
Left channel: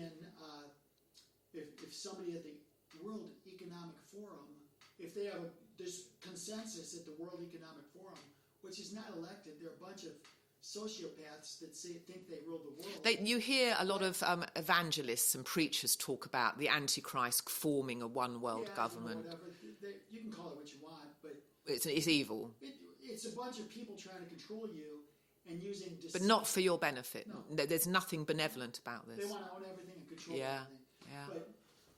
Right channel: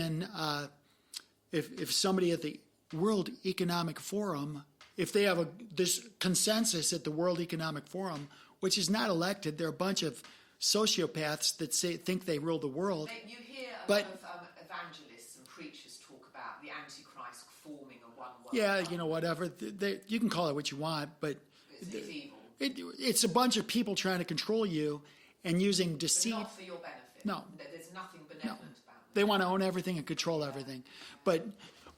if somebody at the World Economic Forum, if they have this consensus at the World Economic Forum, which is not elected, they're a bunch of sociopaths that think they rule the world. You hear a lot of evangelists and preachers talk about the Antichrist forming a one world government. Whatever. You can call it what you want, but... It's evil. It's a bunch of people trying to control you and using deceit. But not for your benefit. No. There's nothing benevolent about this. They want to own everything and control everything. Yeah.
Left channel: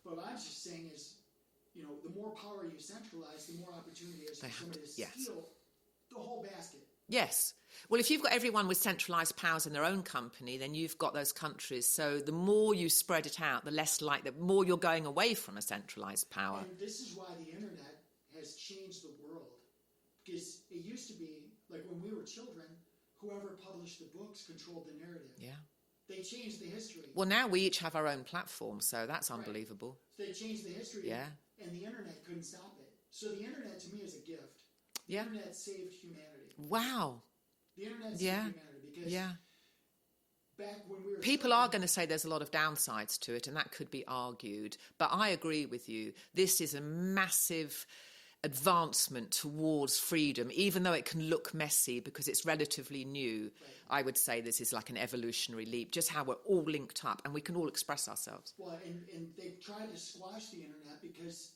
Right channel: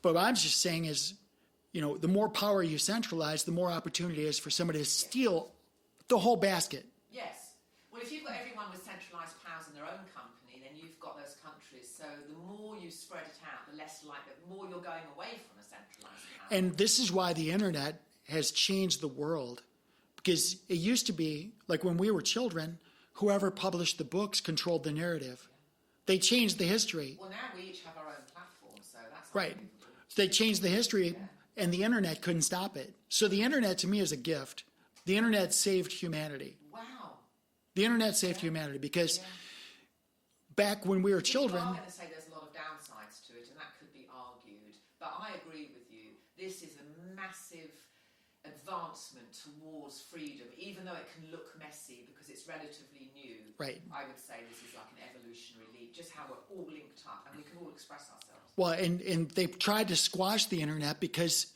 But what I'm just saying is, the more power you centralize, the more opportunity is for somebody to steal the whole basket. Yes. Well, if you've got everyone with centralised powers in their own company, then you've got those countries. So the more you spread it out, the more you're going away from a centralised power. And this is why the internet has changed the world, because it used to be like when we were children, whoever published the books controlled the narrative. Yeah. They changed the history. Well, now we each have our own platform, so that's unbelievable. Right. They changed the history, and the internet couldn't stop it. So the internet to me is a gift. The internet saved humanity. Wow. The internet saved humanity because back when we were children... People are going to say there's a lot of downsides to it, and that could be argued. But I agree with you. This is a massive advancement towards freedom, even though it can look messy because it's relatively new. Right. I would say this is like an evolutionary leap, just how we're all linked up and we can all express ourselves. Well, and they've tried to squash the internet because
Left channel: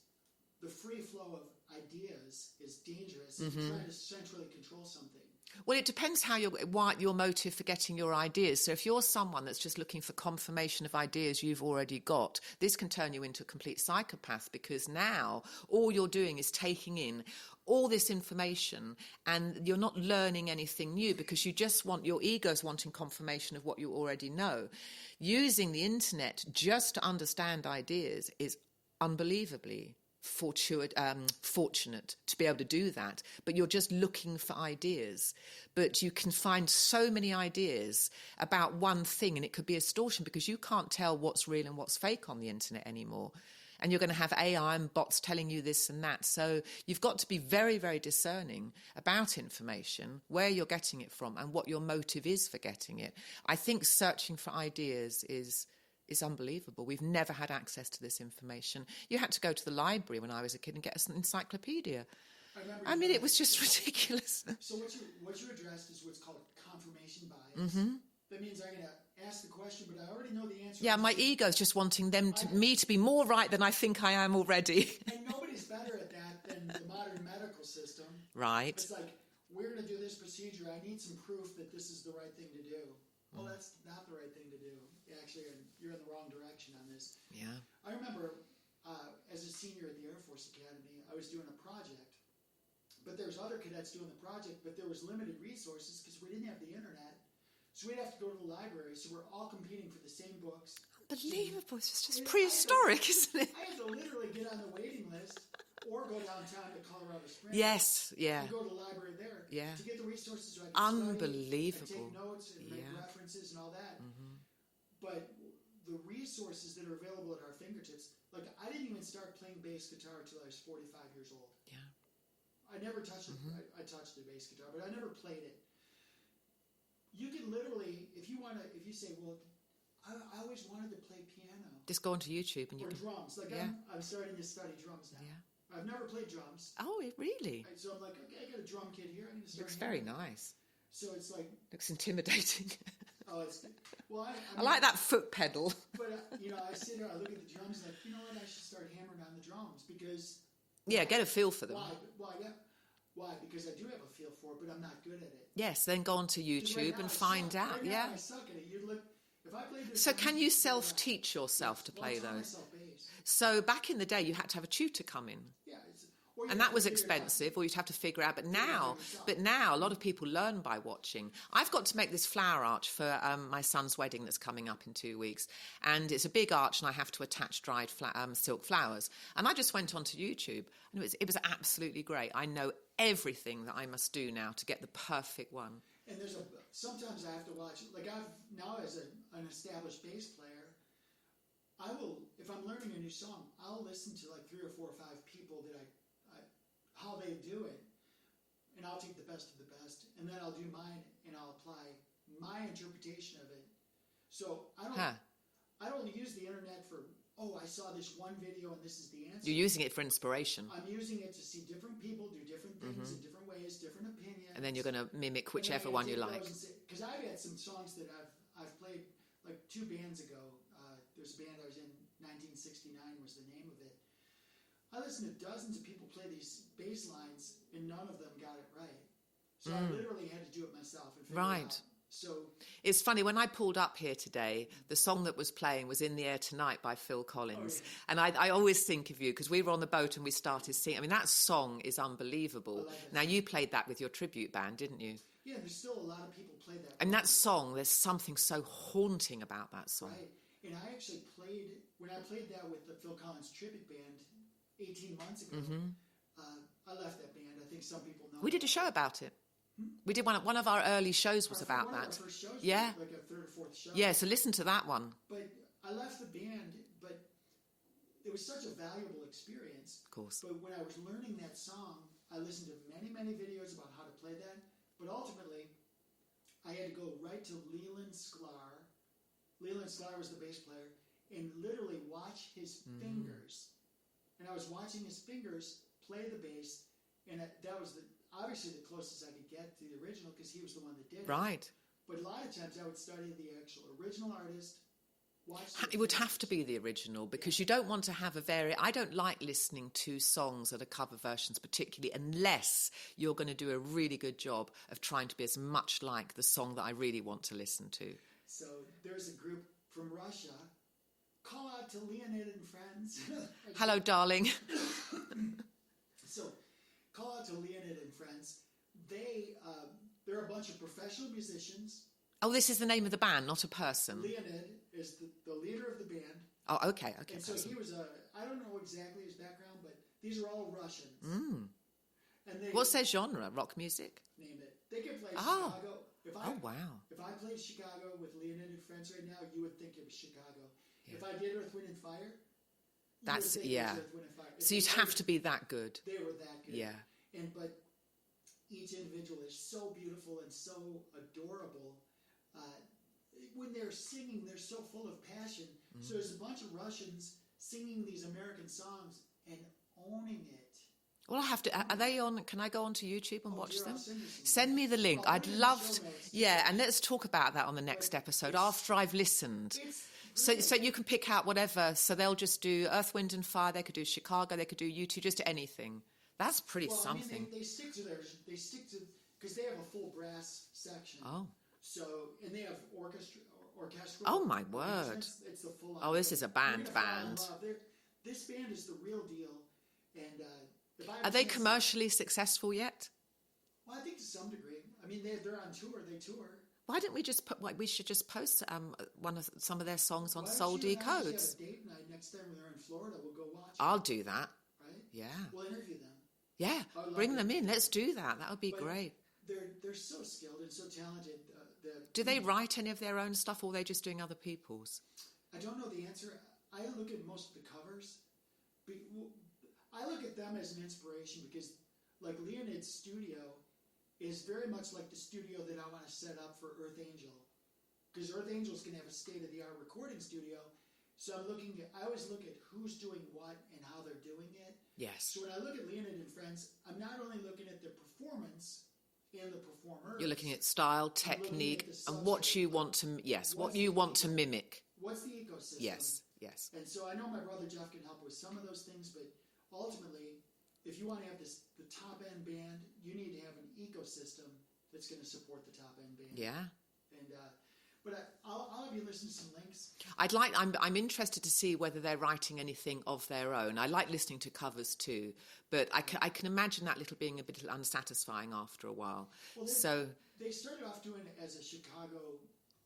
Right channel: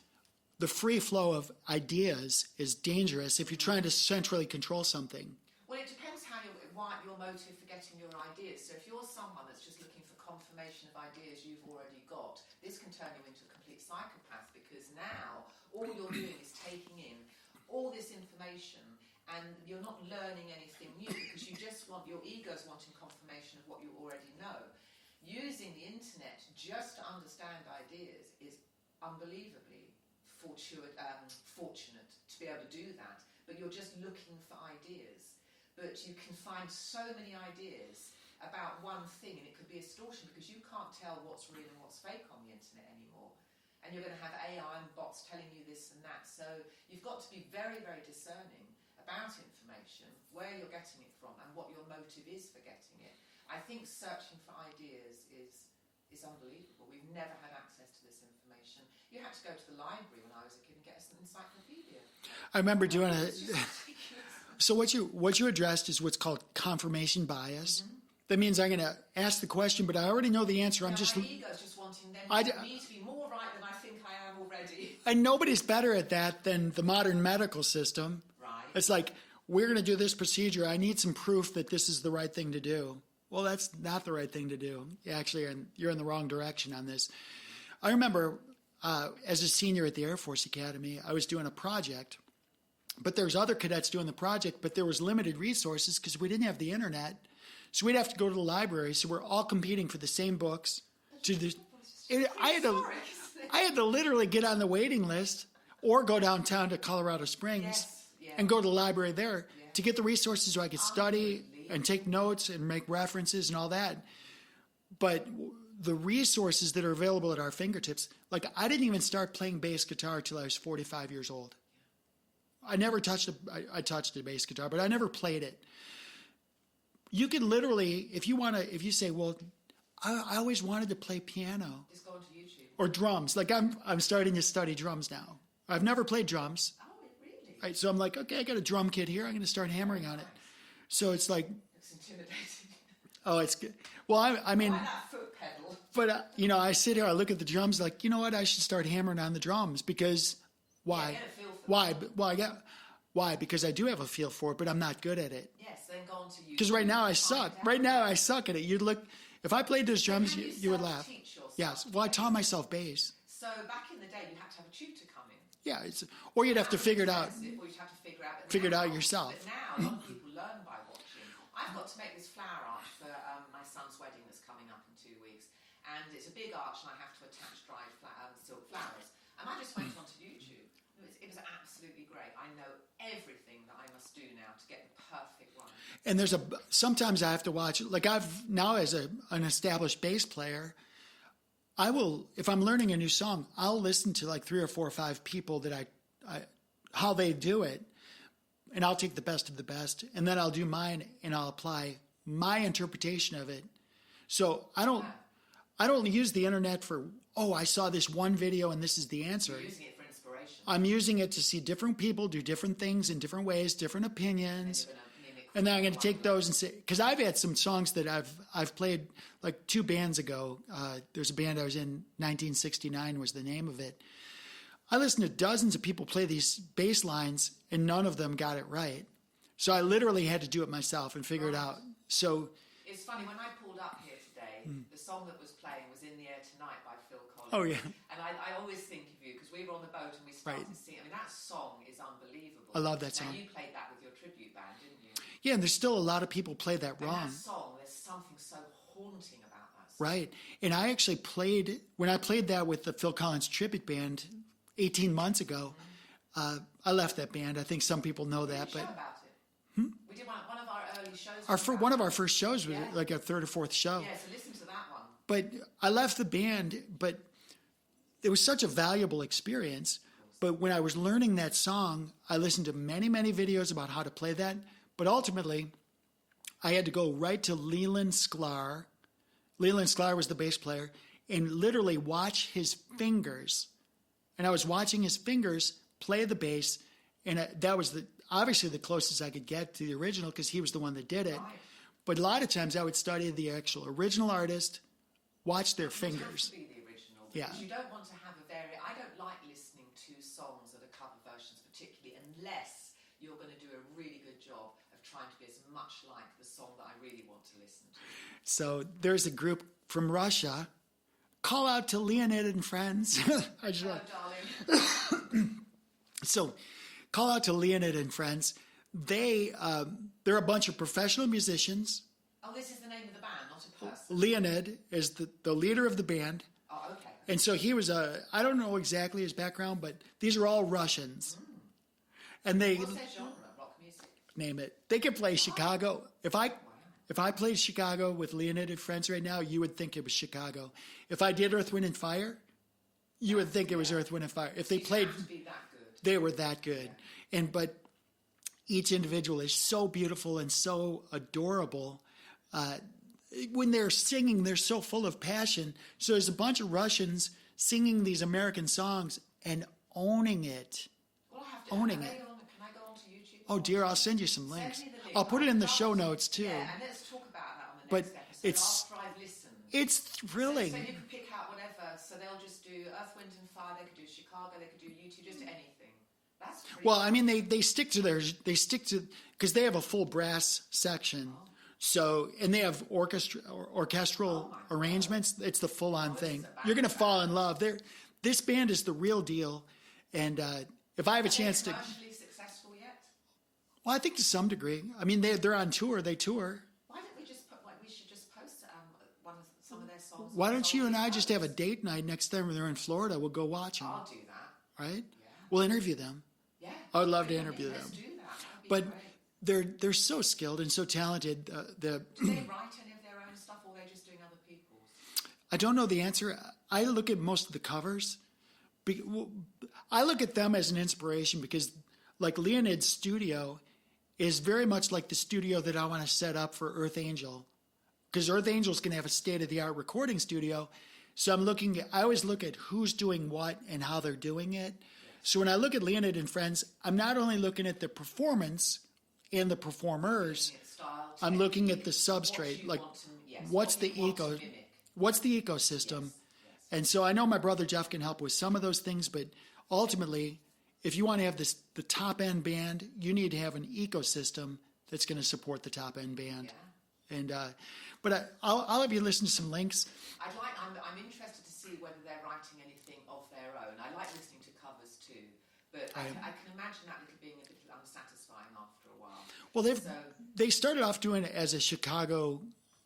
the free flow of ideas is dangerous if you're trying to centrally control something. Well, it depends what your motive for getting your ideas. So if you're someone that's just looking for confirmation of ideas you've already got, this can turn you into a complete psychopath, because now all you're doing is taking in all this information and you're not learning anything new because your ego's wanting confirmation of what you already know. Using the internet just to understand ideas is unbelievably fortunate to be able to do that, but you're just looking for ideas. but you can find so many ideas about one thing, and it could be extortion because you can't tell what's real and what's fake on the internet anymore. And you're going to have AI and bots telling you this and that. So you've got to be very, very discerning about information, where you're getting it from and what your motive is for getting it. I think searching for ideas is unbelievable. We've never had access to this information. You had to go to the library when I was a kid and get us an encyclopedia. I remember doing it was just ridiculous. So what you addressed is what's called confirmation bias. That means I'm going to ask the question, but I already know the answer. Yeah, my ego's just wanting me to be more right than I think I am already. And nobody's better at that than the modern medical system. Right. It's like, we're going to do this procedure. I need some proof that this is the right thing to do. Well, that's not the right thing to do. Actually, you're in the wrong direction on this. Yeah. I remember as a senior at the Air Force Academy, I was doing a project, but there's other cadets doing the project, but there was limited resources because we didn't have the internet. So we'd have to go to the library. So we're all competing for the same books. Unbelievable. It's just prehistoric, isn't it? I had to literally get on the waiting list or go downtown to Colorado Springs and go to the library there to get the resources so I could study and take notes and make references and all that. But the resources that are available at our fingertips, like I didn't even start playing bass guitar till I was 45 years old. Yeah. I never touched I touched a bass guitar, but I never played it. You can literally, if you say, well, I always wanted to play piano. Just go onto YouTube. Or drums. Like I'm starting to study drums now. Yeah. I've never played drums. Oh, really? Right, so I'm like, okay, I got a drum kit here. I'm going to start hammering on it. So it's like... Looks intimidating. Oh, it's good. Well, I mean... I like that foot pedal. But, I sit here, I look at the drums like, you know what? I should start hammering on the drums because... Why? Yeah, get a feel for them. Why? Well, why? Because I do have a feel for it, but I'm not good at it. Yes, then go on to YouTube. Because right now I suck. Right now I suck at it. You'd look... If I played those drums, can you self-teach yourself to play I taught myself bass. So back in the day, you had to have a tutor come in. Yeah, or you'd have to figure it out. Or you'd have to figure it out. But figure it out yourself. But now, a lot of people learn by watching. I've got to make this flower arch for my son's wedding that's coming up in 2 weeks. And it's a big arch, and I have to attach dried silk flowers. And I just went onto YouTube. And it was absolutely great. I know everything that I must do now to get the perfect one. And sometimes I have to watch, like I've now as an established bass player, I will, if I'm learning a new song, I'll listen to like 3 or 4 or 5 people that how they do it. And I'll take the best of the best. And then I'll do mine and I'll apply my interpretation of it. So I don't use the internet for, I saw this one video and this is the answer. You're using it for inspiration. I'm using it to see different people do different things in different ways, different opinions. And then you're going to mimic whichever one you like. And then I'm going to take those like. And say, because I've had some songs that I've played like 2 bands ago. There's a band I was in, 1969 was the name of it. I listened to dozens of people play these bass lines and none of them got it right. So I literally had to do it myself and figure it out. So it's funny, when I pulled up here today, the song that was playing was In the Air Tonight by Phil Collins. Oh, yeah. And I always think of you, because we were on the boat and we started singing. I mean, that song is unbelievable. I love that song. Now, you played that with your tribute band, didn't you? Yeah, and there's still a lot of people play that wrong. And that song, there's something so haunting about that song. Right. And I actually when I played that with the Phil Collins tribute band 18 months ago, I left that band. I think some people know that. We did a show about it. We did one of our early shows. Our first shows, was like our 3rd or 4th show. Yeah, so listen to that one. But I left the band, but it was such a valuable experience. Of course. But when I was learning that song, I listened to many, many videos about how to play that. But ultimately, I had to go right to Leland Sklar. Leland Sklar was the bass player, and literally watch his fingers. And I was watching his fingers play the bass, and that was obviously the closest I could get to the original because he was the one that did it. Right. But a lot of times I would study the actual original artist, watch their fingers. It would have to be the original because you don't want to have I don't like listening to songs that are cover versions particularly unless you're going to do a really good job of trying to be as much like the song that I really want to listen to. So there's a group from Russia. Call out to Leonid and friends. Hello, darling. So call out to Leonid and friends. They're a bunch of professional musicians. Oh, this is the name of the band, not a person. Leonid is the leader of the band. Oh, okay. And so he was I don't know exactly his background, but these are all Russians. And What's their genre? Rock music? Name it. They could play Chicago. Wow. If I played Chicago with Leonid and Friends right now, you would think it was Chicago. If I did Earth, Wind, and Fire, you would think it was Earth, Wind, and Fire. If so they you'd played, have to be that good. They were that good. Yeah. But each individual is so beautiful and so adorable. When they're singing, they're so full of passion. So there's a bunch of Russians singing these American songs and owning it. Well, I have to. Are they on? Can I go onto YouTube? And Oh watch dear, them? I'll send you some links. Send me the link. I'll put it in the show notes too. Yeah, and let's talk about that on the next episode after I've listened. It's thrilling. So you can pick out whatever. So they'll just do Earth, Wind, and Fire. They could do Chicago. They could do U2. Just anything. That's pretty. Well, I mean, they stick to because they have a full brass section. Oh. So, and they have orchestral arrangements. It's the full-on thing. This is a band. You're going to fall in love. This band is the real deal. And if I have a chance, are they commercially successful yet? Well, I think to some degree. I mean, they're on tour. They tour. Why don't we just we should just post some of their songs on Why don't Soul you and I Decodes? just have a date night next time they're in Florida? We'll go watch them. I'll do that. Right? Yeah. We'll interview them. Yeah. I would love Bring to them interview in. them. Let's do that. That would be But great. they're so skilled and so talented. Do they write any of their own stuff, or are they just doing other people's? I don't know the answer. I look at most of the covers. I look at them as an inspiration because, like, Leonid's studio is very much like the studio that I want to set up for Earth Angel, because Earth Angel's going to have a state-of-the-art recording studio. So I always look at who's doing what and how they're doing it. Yes. So when I look at Leonid and Friends, I'm not only looking at the performance and the performers. You're looking at style, technique. I'm looking at the substrate. What you like, want to, what you want to mimic. What's the ecosystem? Yes. And so I know my brother Jeff can help with some of those things, but ultimately, if you want to have the top end band, you need to have an ecosystem that's going to support the top end band. Yeah. And but I'll have you listen to some links. I'm interested to see whether they're writing anything of their own. I like listening to covers too, but I can imagine that being a bit unsatisfying after a while. Well, they started off doing it as a Chicago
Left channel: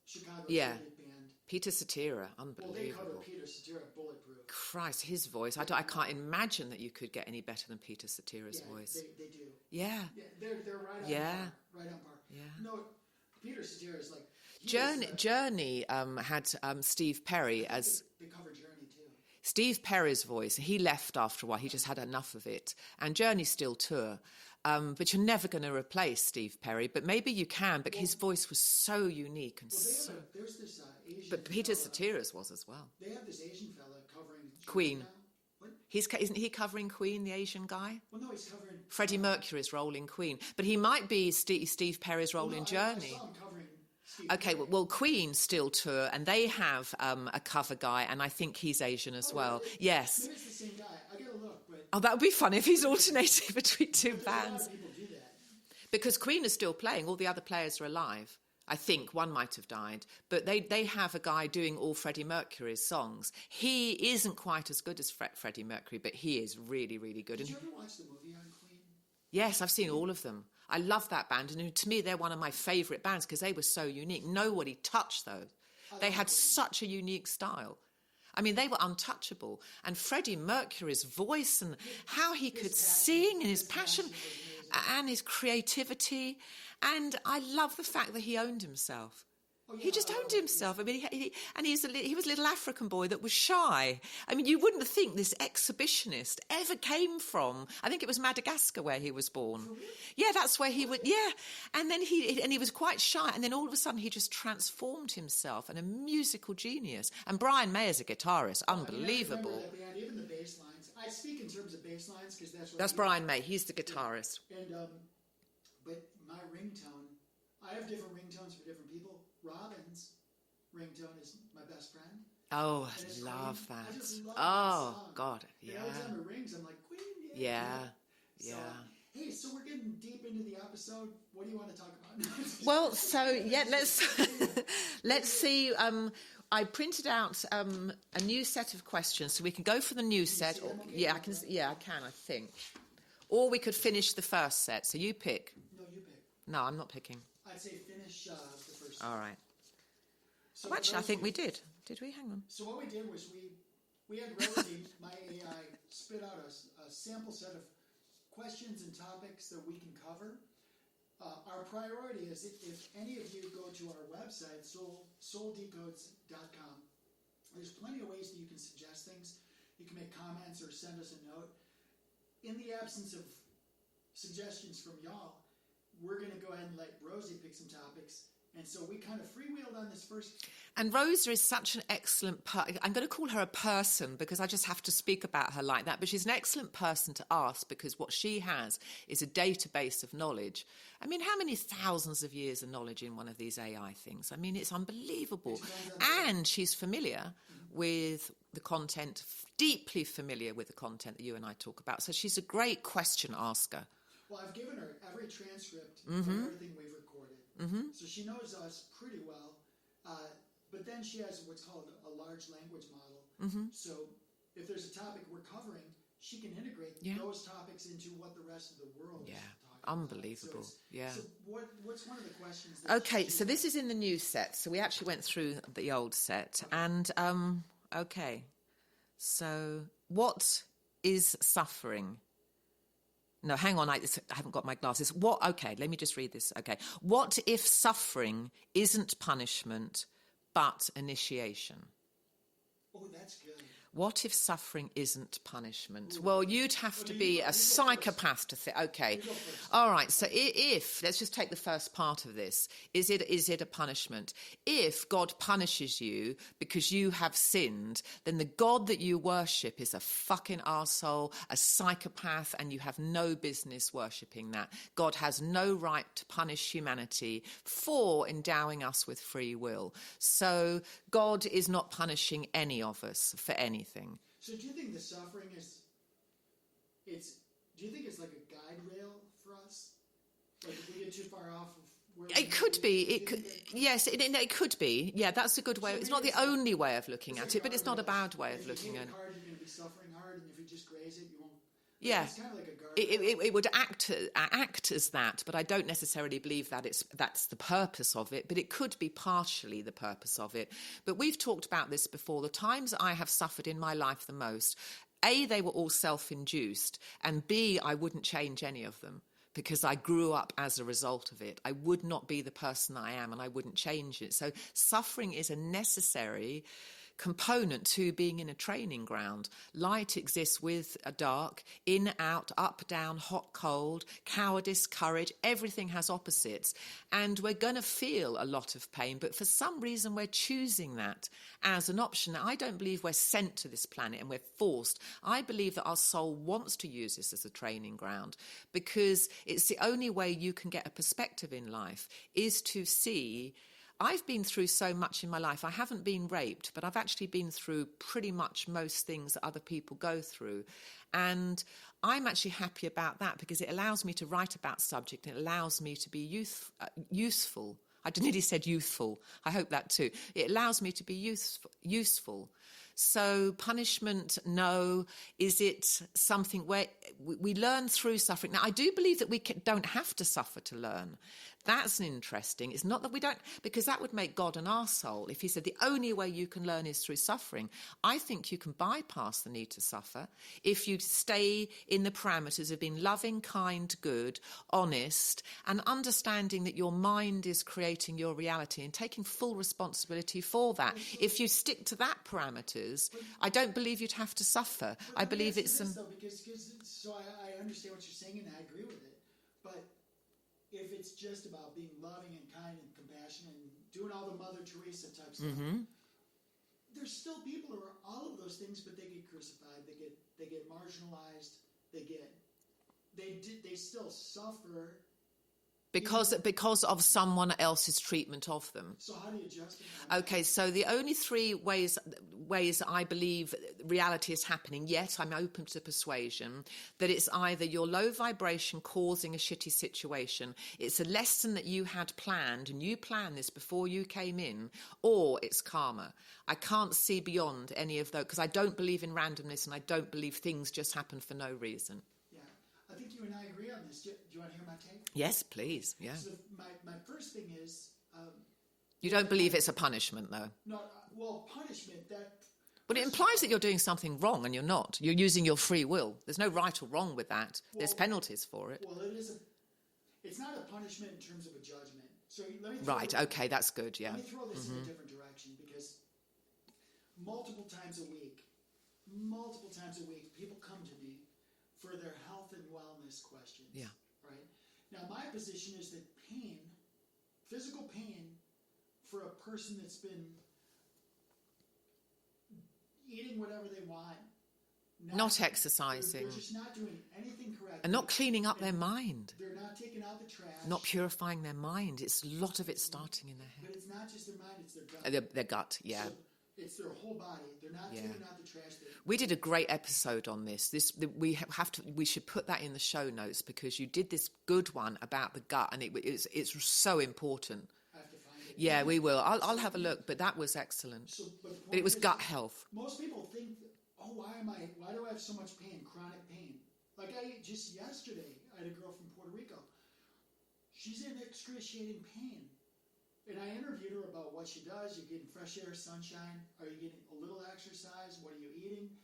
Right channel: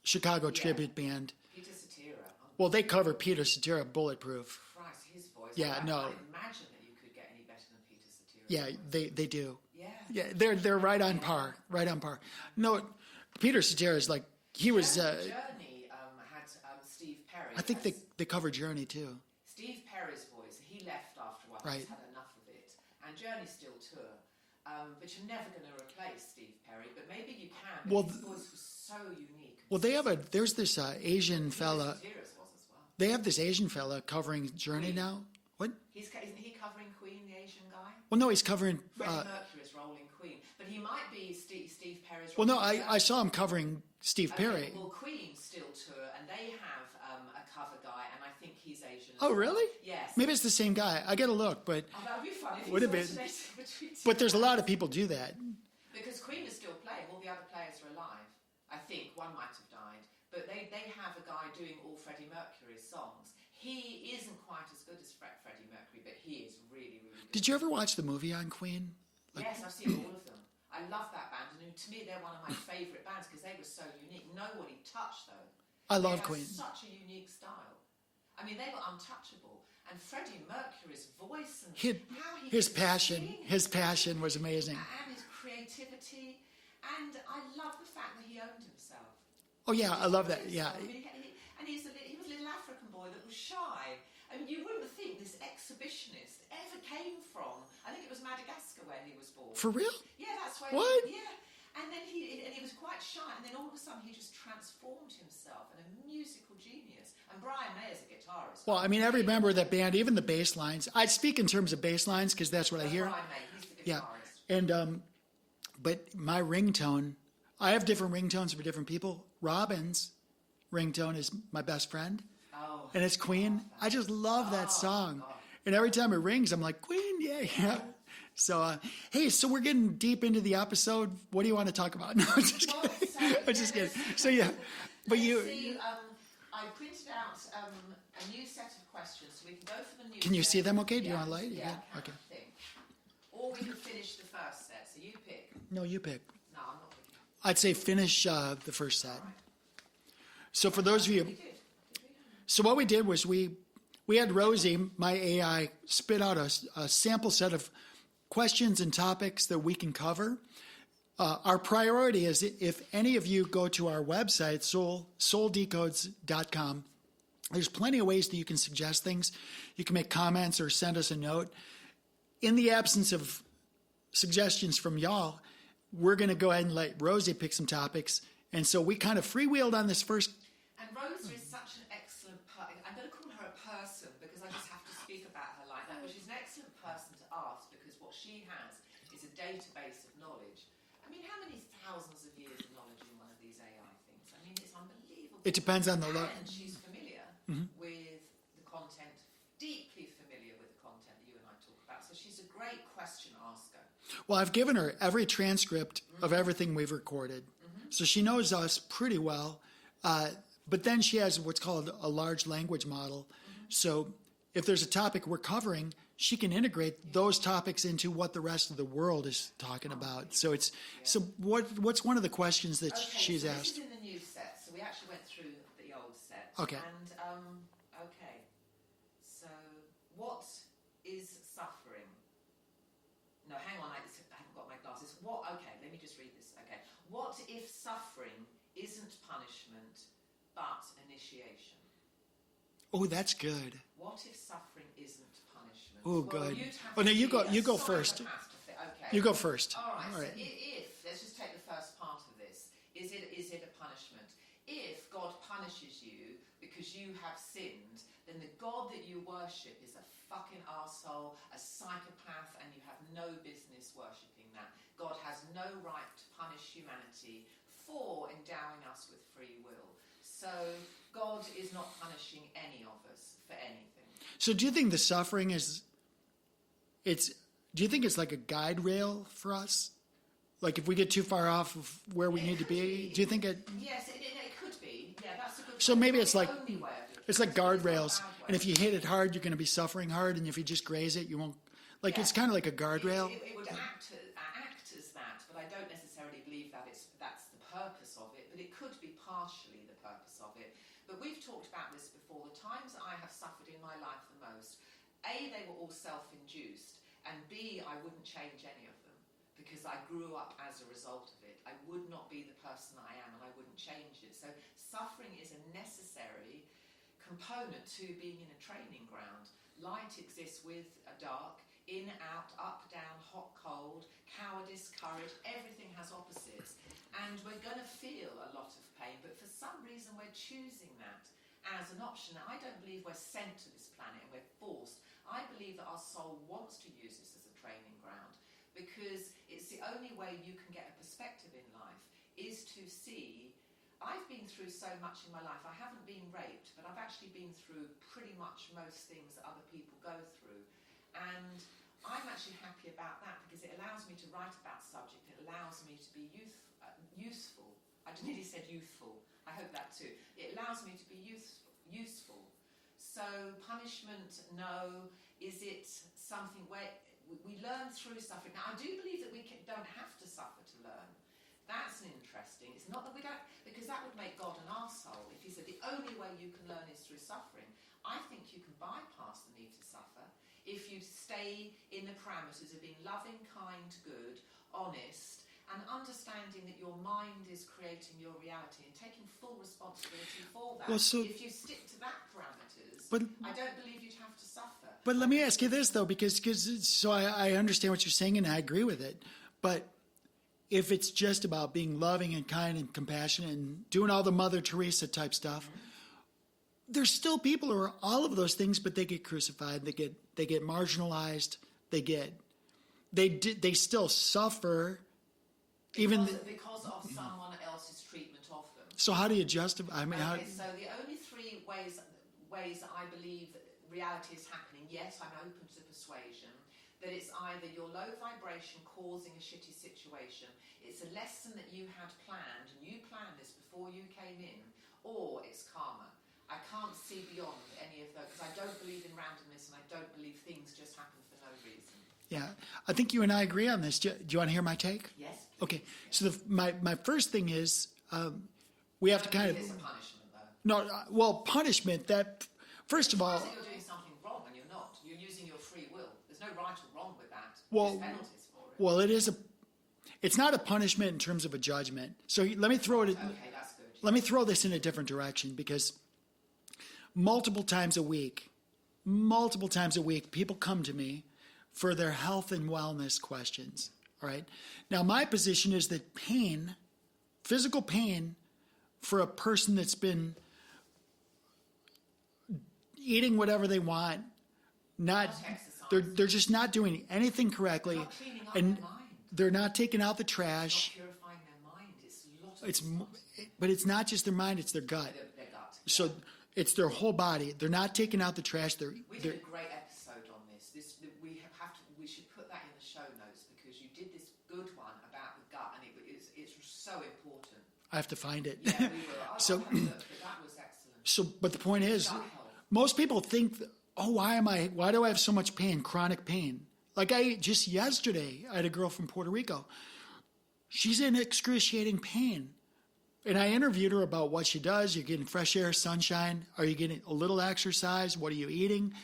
tribute band. Peter Cetera. Well, they covered Peter Cetera, Bulletproof. Christ, his voice. Yeah, I can't imagine that you could get any better than Peter Cetera's voice. Yeah, they do. Yeah. Yeah, they're right on par. Right on par. Yeah. No, Peter Cetera is like, Journey had Steve Perry. I think they covered Journey too. Steve Perry's voice, he left after a while. He just had enough of it. And Journey still tour. But you're never going to replace Steve Perry. But maybe you can, but his voice was so unique. And there's this Asian fella. Peter Cetera's was as well. They have this Asian fella covering Journey Queen. now. What? Isn't he covering Queen, the Asian guy? Well, no, he's covering Freddie Mercury's role in Queen, but he might be Steve Perry's role. Well, no, in Journey. I saw him covering Steve Perry. Well, Queen still tour, and they have a cover guy, and I think he's Asian as well. Oh, really? Yes. Maybe it's the same guy. I got to look, but that would be fun if he's alternating between two. But there's bands. a lot of people do that because Queen is still playing. All the other players are alive. I think one might have died, but they have a guy doing all Freddie Mercury's songs. He isn't quite as good as Freddie Mercury, but he is really, really good. Did you ever watch the movie on Queen? Yes, I've seen all of them. I love that band, and to me, they're one of my favourite bands because they were so unique. Nobody touched those. They had Queen. Such a unique style. I mean, they were untouchable. And Freddie Mercury's voice and how he could sing. And his passion was amazing. And his creativity. And I love the fact that he owned himself. Oh, yeah, he just I love owned that. himself. Yeah. I mean, he was a little African boy that was shy. I mean, you wouldn't think this exhibitionist ever came from. I think it was Madagascar where he was born. For real? Yeah, that's where he What? was. Yeah, and then he was quite shy, and then all of a sudden he just transformed himself and a musical genius. And Brian Mayer's a guitarist. Oh, I mean, every member of that band, even the bass lines. I speak in terms of bass lines because that's what I hear. That's Brian May. He's the guitarist. Yeah. And but my ringtone, I have different ringtones for different people. Robin's ringtone is My Best Friend. Oh, and it's Queen. that. I just love that song. God. And every time it rings, I'm like, Queen, yay. Yeah. So, hey, so we're getting deep into the episode. What do you want to talk about? No, well, so let's see. I printed out a new set of questions, so we can go for the new set. Can you see them okay? Yeah, I can, I think. Or we could finish the first set. So you pick. No, you pick. No, I'm not picking. I'd say finish the first set. All right. So for those of you, we did. Did we? Hang on. So what we did was we had Rosie, my AI, spit out a sample set of questions and topics that we can cover. Our priority is if any of you go to our website, souldecodes.com, there's plenty of ways that you can suggest things. You can make comments or send us a note. In the absence of suggestions from y'all, we're going to go ahead and let Rosie pick some topics. And so we kind of freewheeled on this first. And Rosa is such an excellent I'm going to call her a person because I just have to speak about her like that. But she's an excellent person to ask because what she has is a database of knowledge. I mean, how many thousands of years of knowledge in one of these AI things? I mean, it's unbelievable. It depends on the... And she's familiar with the content, deeply familiar with the content that you and I talk about. So she's a great question asker. Well, I've given her every transcript of everything we've recorded. So she knows us pretty well. But then she has what's called a large language model. So if there's a topic we're covering, she can integrate those topics into what the rest of the world is talking about. So it's so what's one of the questions that she's so this asked? is in the new set. So we actually went through the old set. Okay. And so what is suffering? No, hang on, I haven't got my glasses. Okay, let me just read this. Okay. What if suffering isn't punishment but initiation? Oh, that's good. What if suffering isn't punishment? Ooh, well, good. you'd have Oh, to no, be go a psychopath first. to think. Okay, You go first. All right. So, if let's just take the first part of this: is it a punishment? If God punishes you because you have sinned, then the God that you worship is a fucking arsehole, a psychopath, and you have no business worshipping that. God has no right to punish humanity for endowing us with free will. So God is not punishing any of us for anything. So do you think the suffering do you think it's like a guide rail for us? Like if we get too far off of where we need to be? Do you think it? Yes, it could be. Yeah, that's a good way. So maybe it's not the like, only way of looking it's at like it, but it's not a guardrails. bad way. And if you hit it at hard, you're going to be suffering hard. And if you just graze it, you won't. Like it's kind of like a guardrail. It would act as that, but I don't necessarily believe that that's the purpose of it. But it could be partially the purpose of it. But we've talked about this before. The times I have suffered in my life the most, A, they were all self-induced, and B, I wouldn't change any of them because I grew up as a result of it. I would not be the person I am, and I wouldn't change it. So suffering is a necessary component to being in a training ground. Light exists with a dark, in, out, up, down, hot, cold, cowardice, courage. Everything has opposites. And we're going to feel a lot of pain, but for some reason we're choosing that as an option. Now, I don't believe we're sent to this planet and we're forced. I believe that our soul wants to use this as a training ground because it's the only way you can get a perspective in life is to see. I've been through so much in my life. I haven't been raped, but I've actually been through pretty much most things that other people go through. And I'm actually happy about that because it allows me to write about subject. It allows me to be useful. I nearly said youthful. I hope that too. It allows me to be useful. So punishment, no. Is it something where we learn through suffering? Now, I do believe that we don't have to suffer to learn. That's interesting. It's not that we don't, because that would make God an arsehole if he said the only way you can learn is through suffering. I think you can bypass the need to suffer if you stay in the parameters of being loving, kind, good, honest, and understanding that your mind is creating your reality and taking full responsibility for that. Well, if you stick to that parameters, I don't believe you'd have to suffer. But let me ask you this, though, because so I understand what you're saying and I agree with it. But if it's just about being loving and kind and compassionate and doing all the Mother Teresa type stuff, there's still people who are all of those things, but they get crucified, they get marginalized, they still suffer because of someone else's treatment of them. So how do you justify? So the only three ways I believe reality is happening, yet I'm open to persuasion, that it's either your low vibration causing a shitty situation, it's a lesson that you had planned and you planned this before you came in, or it's karma. I can't see beyond any of those because I don't believe in randomness and I don't believe things just happen for no reason. Yeah, I think you and I agree on this. Do you want to hear my take? Yes, please. Okay. Yeah. So my first thing is we don't believe it's a punishment, though. No, well, punishment First it of all, implies that you're doing something wrong, and you're not. You're using your free will. There's no right or wrong with that. There's penalties for it. Well, it's not a punishment in terms of a judgment. So let me throw it. Okay, that's good. Yeah. Let me throw this in a different direction, because multiple times a week, people come to me for their health and wellness questions. Yeah. All right. Now, my position is that physical pain for a person that's been eating whatever they want, not exercising. They're just not doing anything correctly. And not cleaning up their mind. They're not taking out the trash. Not purifying their mind. It's a lot of it starting in their head. But it's not just their mind, it's their gut. Their gut, yeah. So it's their whole body. They're not taking out the trash. We did a great episode on this. We should put that in the show notes, because you did this good one about the gut, and it's so important. I have to find it. Yeah, we will. I'll have a look, but that was excellent. But the point is, gut health. Most people think, why do I have so much pain, chronic pain? Like just yesterday, I had a girl from Puerto Rico. She's in excruciating pain. And I interviewed her about what she does. You're getting fresh air, sunshine. Are you getting a little exercise? What are you eating?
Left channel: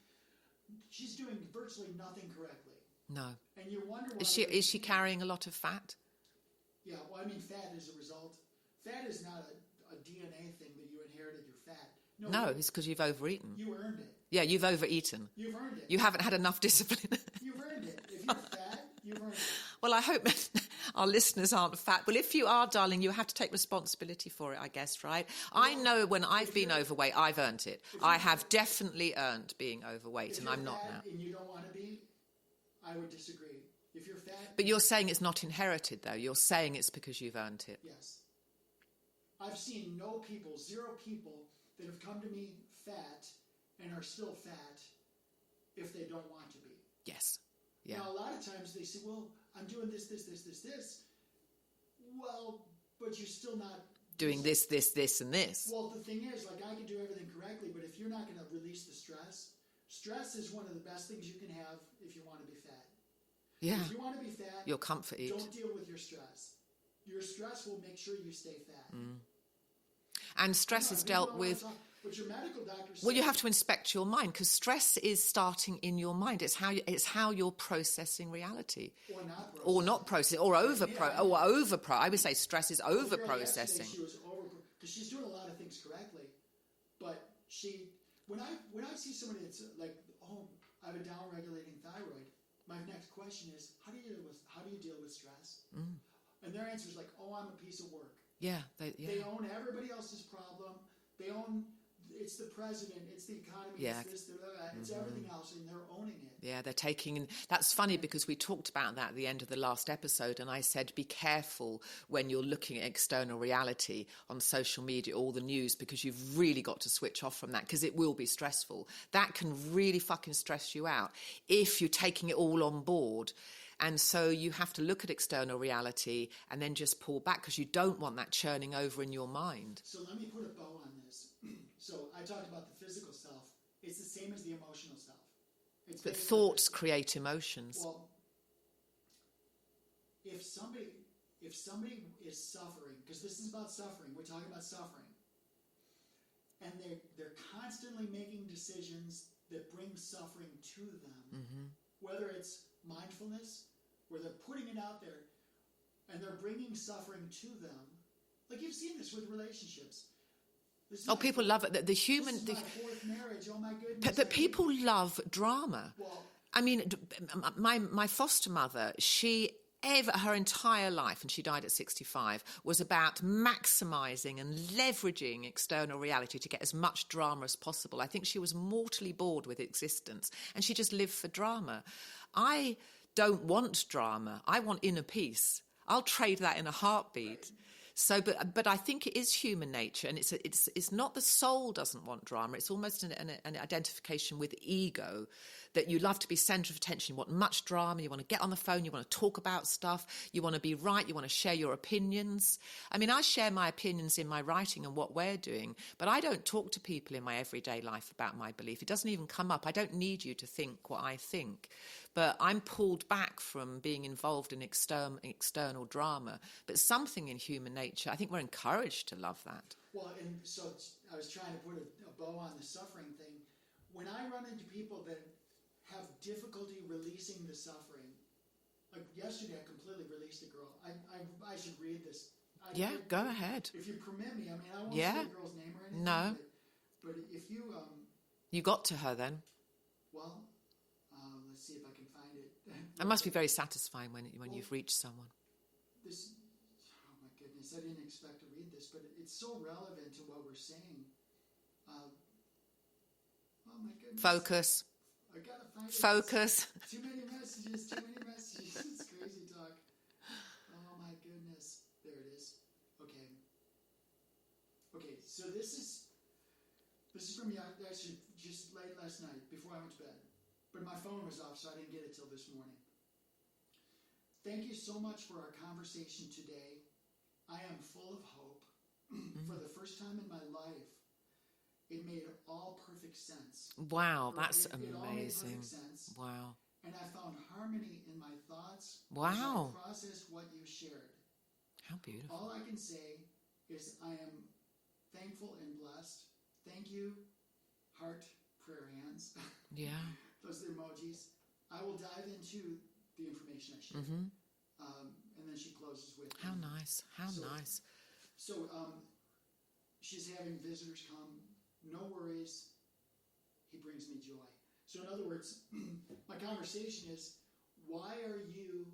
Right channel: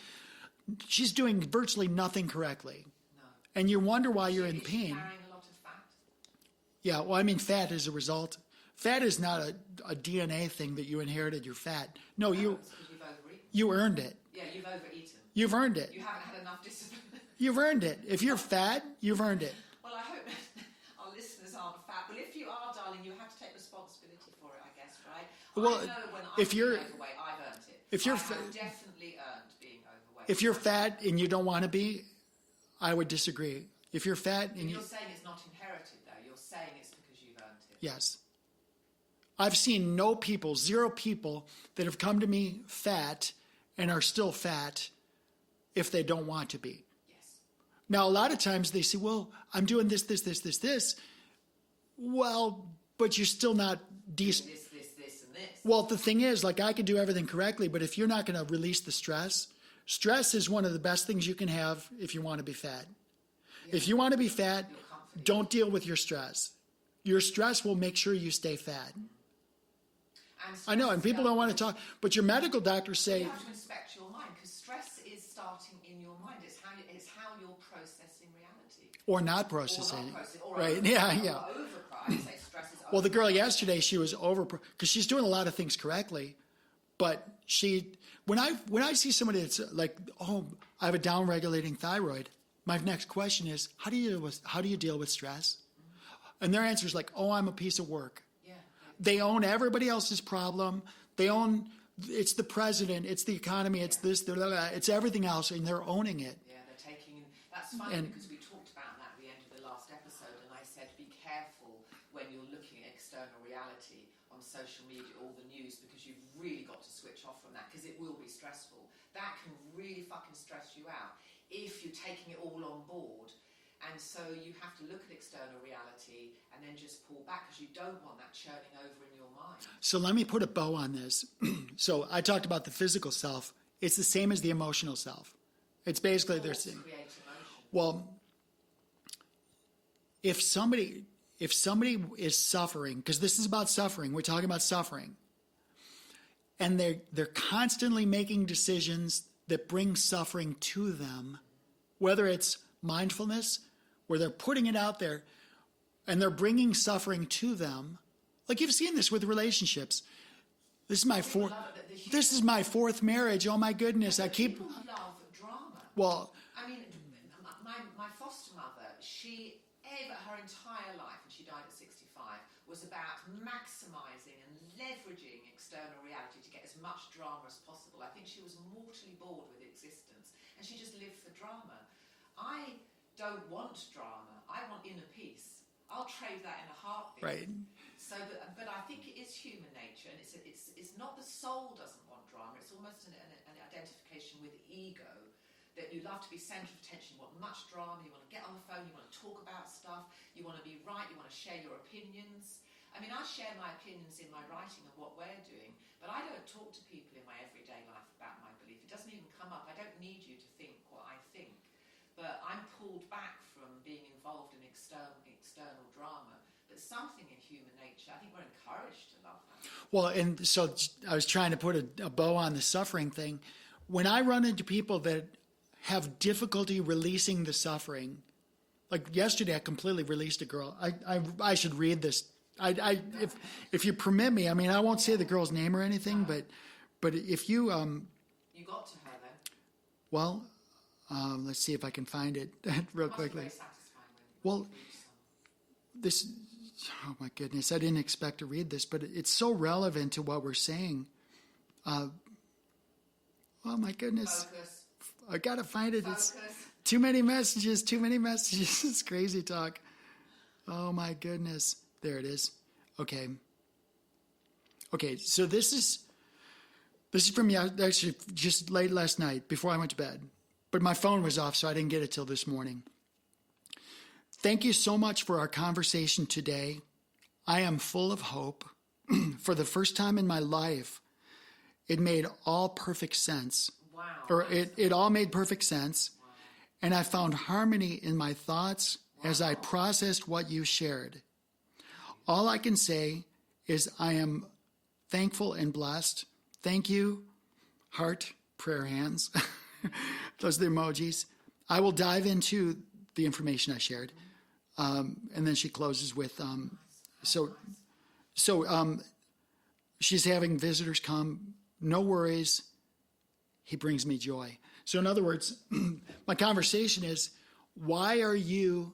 She's doing virtually nothing correctly. No. And you wonder why you're in pain. Is she carrying a lot of fat? Yeah, well, I mean, fat is a result. Fat is not a DNA thing that you inherited. You're fat. No, it's because you've overeaten. You earned it. Yeah, you've overeaten. You've earned it. You haven't had enough discipline. You've earned it. If you're fat, you've earned it. Well, I hope our listeners aren't fat. Well, if you are, darling, you have to take responsibility for it, I guess, right? Well, I know when I've been overweight, I've earned it. I have definitely earned being overweight. If you're fat and you don't want to be, I would disagree. If you're fat... But you're saying it's not inherited, though. You're saying it's because you've earned it. Yes. I've seen zero people that have come to me fat and are still fat if they don't want to be. Yes. Yeah. Now, a lot of times they say, well, I'm doing this. Well, but you're still not doing this, and this. Well, the thing is, like, I can do everything correctly, but if you're not going to release the stress is one of the best things you can have if you want to be fat. Yeah. If you want to be fat, your comfort don't deal with your stress. Your stress will make sure you stay fat. And stress, I know, and people don't want to talk, but your medical doctors say... Well, you have to inspect your mind, because stress is starting in your mind. It's how you're processing reality. Or not processing. Or not processing, or over... I would say stress is over. Well, the girl yesterday, she was over... Because she's doing a lot of things correctly, but when I see somebody that's like, I have a down-regulating thyroid, my next question is, how do you deal with stress? And their answer is like, I'm a piece of work. Yeah. They own everybody else's problem. It's the president, it's the economy, it's this, it's everything else, and they're owning it. Yeah, they're taking... That's funny, because we talked about that at the end of the last episode, and I said, be careful when you're looking at external reality on social media, all the news, because you've really got to switch off from that, because it will be stressful. That can really fucking stress you out if you're taking it all on board. And so you have to look at external reality and then just pull back, because you don't want that churning over in your mind. So let me put a bow on this. So I talked about the physical self. It's the same as the emotional self. It's basically... Thoughts create emotions. Well, if somebody is suffering, because this is about suffering, we're talking about suffering, and they're constantly making decisions that bring suffering to them, whether it's mindfulness, where they're putting it out there and they're bringing suffering to them. Like, you've seen this with relationships. This is my fourth marriage. Oh my goodness. But people love drama. Well, I mean, my foster mother, her entire life, and she died at 65, was about maximizing and leveraging external reality to get as much drama as possible. I think she was mortally bored with existence, and she just lived for drama. I don't want drama. I want inner peace. I'll trade that in a heartbeat. Right. So, but I think it is human nature, and it's not the soul doesn't want drama. It's almost an identification with ego, that you love to be centre of attention. You want much drama. You want to get on the phone. You want to talk about stuff. You want to be right. You want to share your opinions. I mean, I share my opinions in my writing and what we're doing, but I don't talk to people in my everyday life about my belief. It doesn't even come up. I don't need you to think what I think. But I'm pulled back from being involved in external drama. But something in human nature, I think we're encouraged to love that. Well, and so I was trying to put a bow on the suffering thing. when I run into people that have difficulty releasing the suffering, like yesterday, I completely released a girl. I should read this. Go ahead. If you permit me, I mean, I won't say the girl's name or anything, No. but if you, You got to her then. well, let's see if I can find it. real It must be quickly. very satisfying when Well, you've reached someone. This, oh my goodness, I didn't expect to read this, but it's so relevant to what we're saying. Oh my goodness. Focus. I gotta find it. Focus. Too many messages. It's crazy talk. Oh my goodness. There it is. Okay. So this is from actually just late last night before I went to bed, but my phone was off, so I didn't get it till this morning. Thank you so much for our conversation today. I am full of hope. For the first time in my life, it made all perfect sense. Wow. Or that's it all made amazing. perfect sense. Wow. And I found harmony in my thoughts as I Wow. processed what you shared. How beautiful. All I can say is I am thankful and blessed. Thank you. Heart, prayer hands. Yeah. Those are the emojis. I will dive into the information I shared. And then she closes with, How nice. How so- nice. so she's having visitors come. No worries. He brings me joy. So in other words, my conversation is, why are you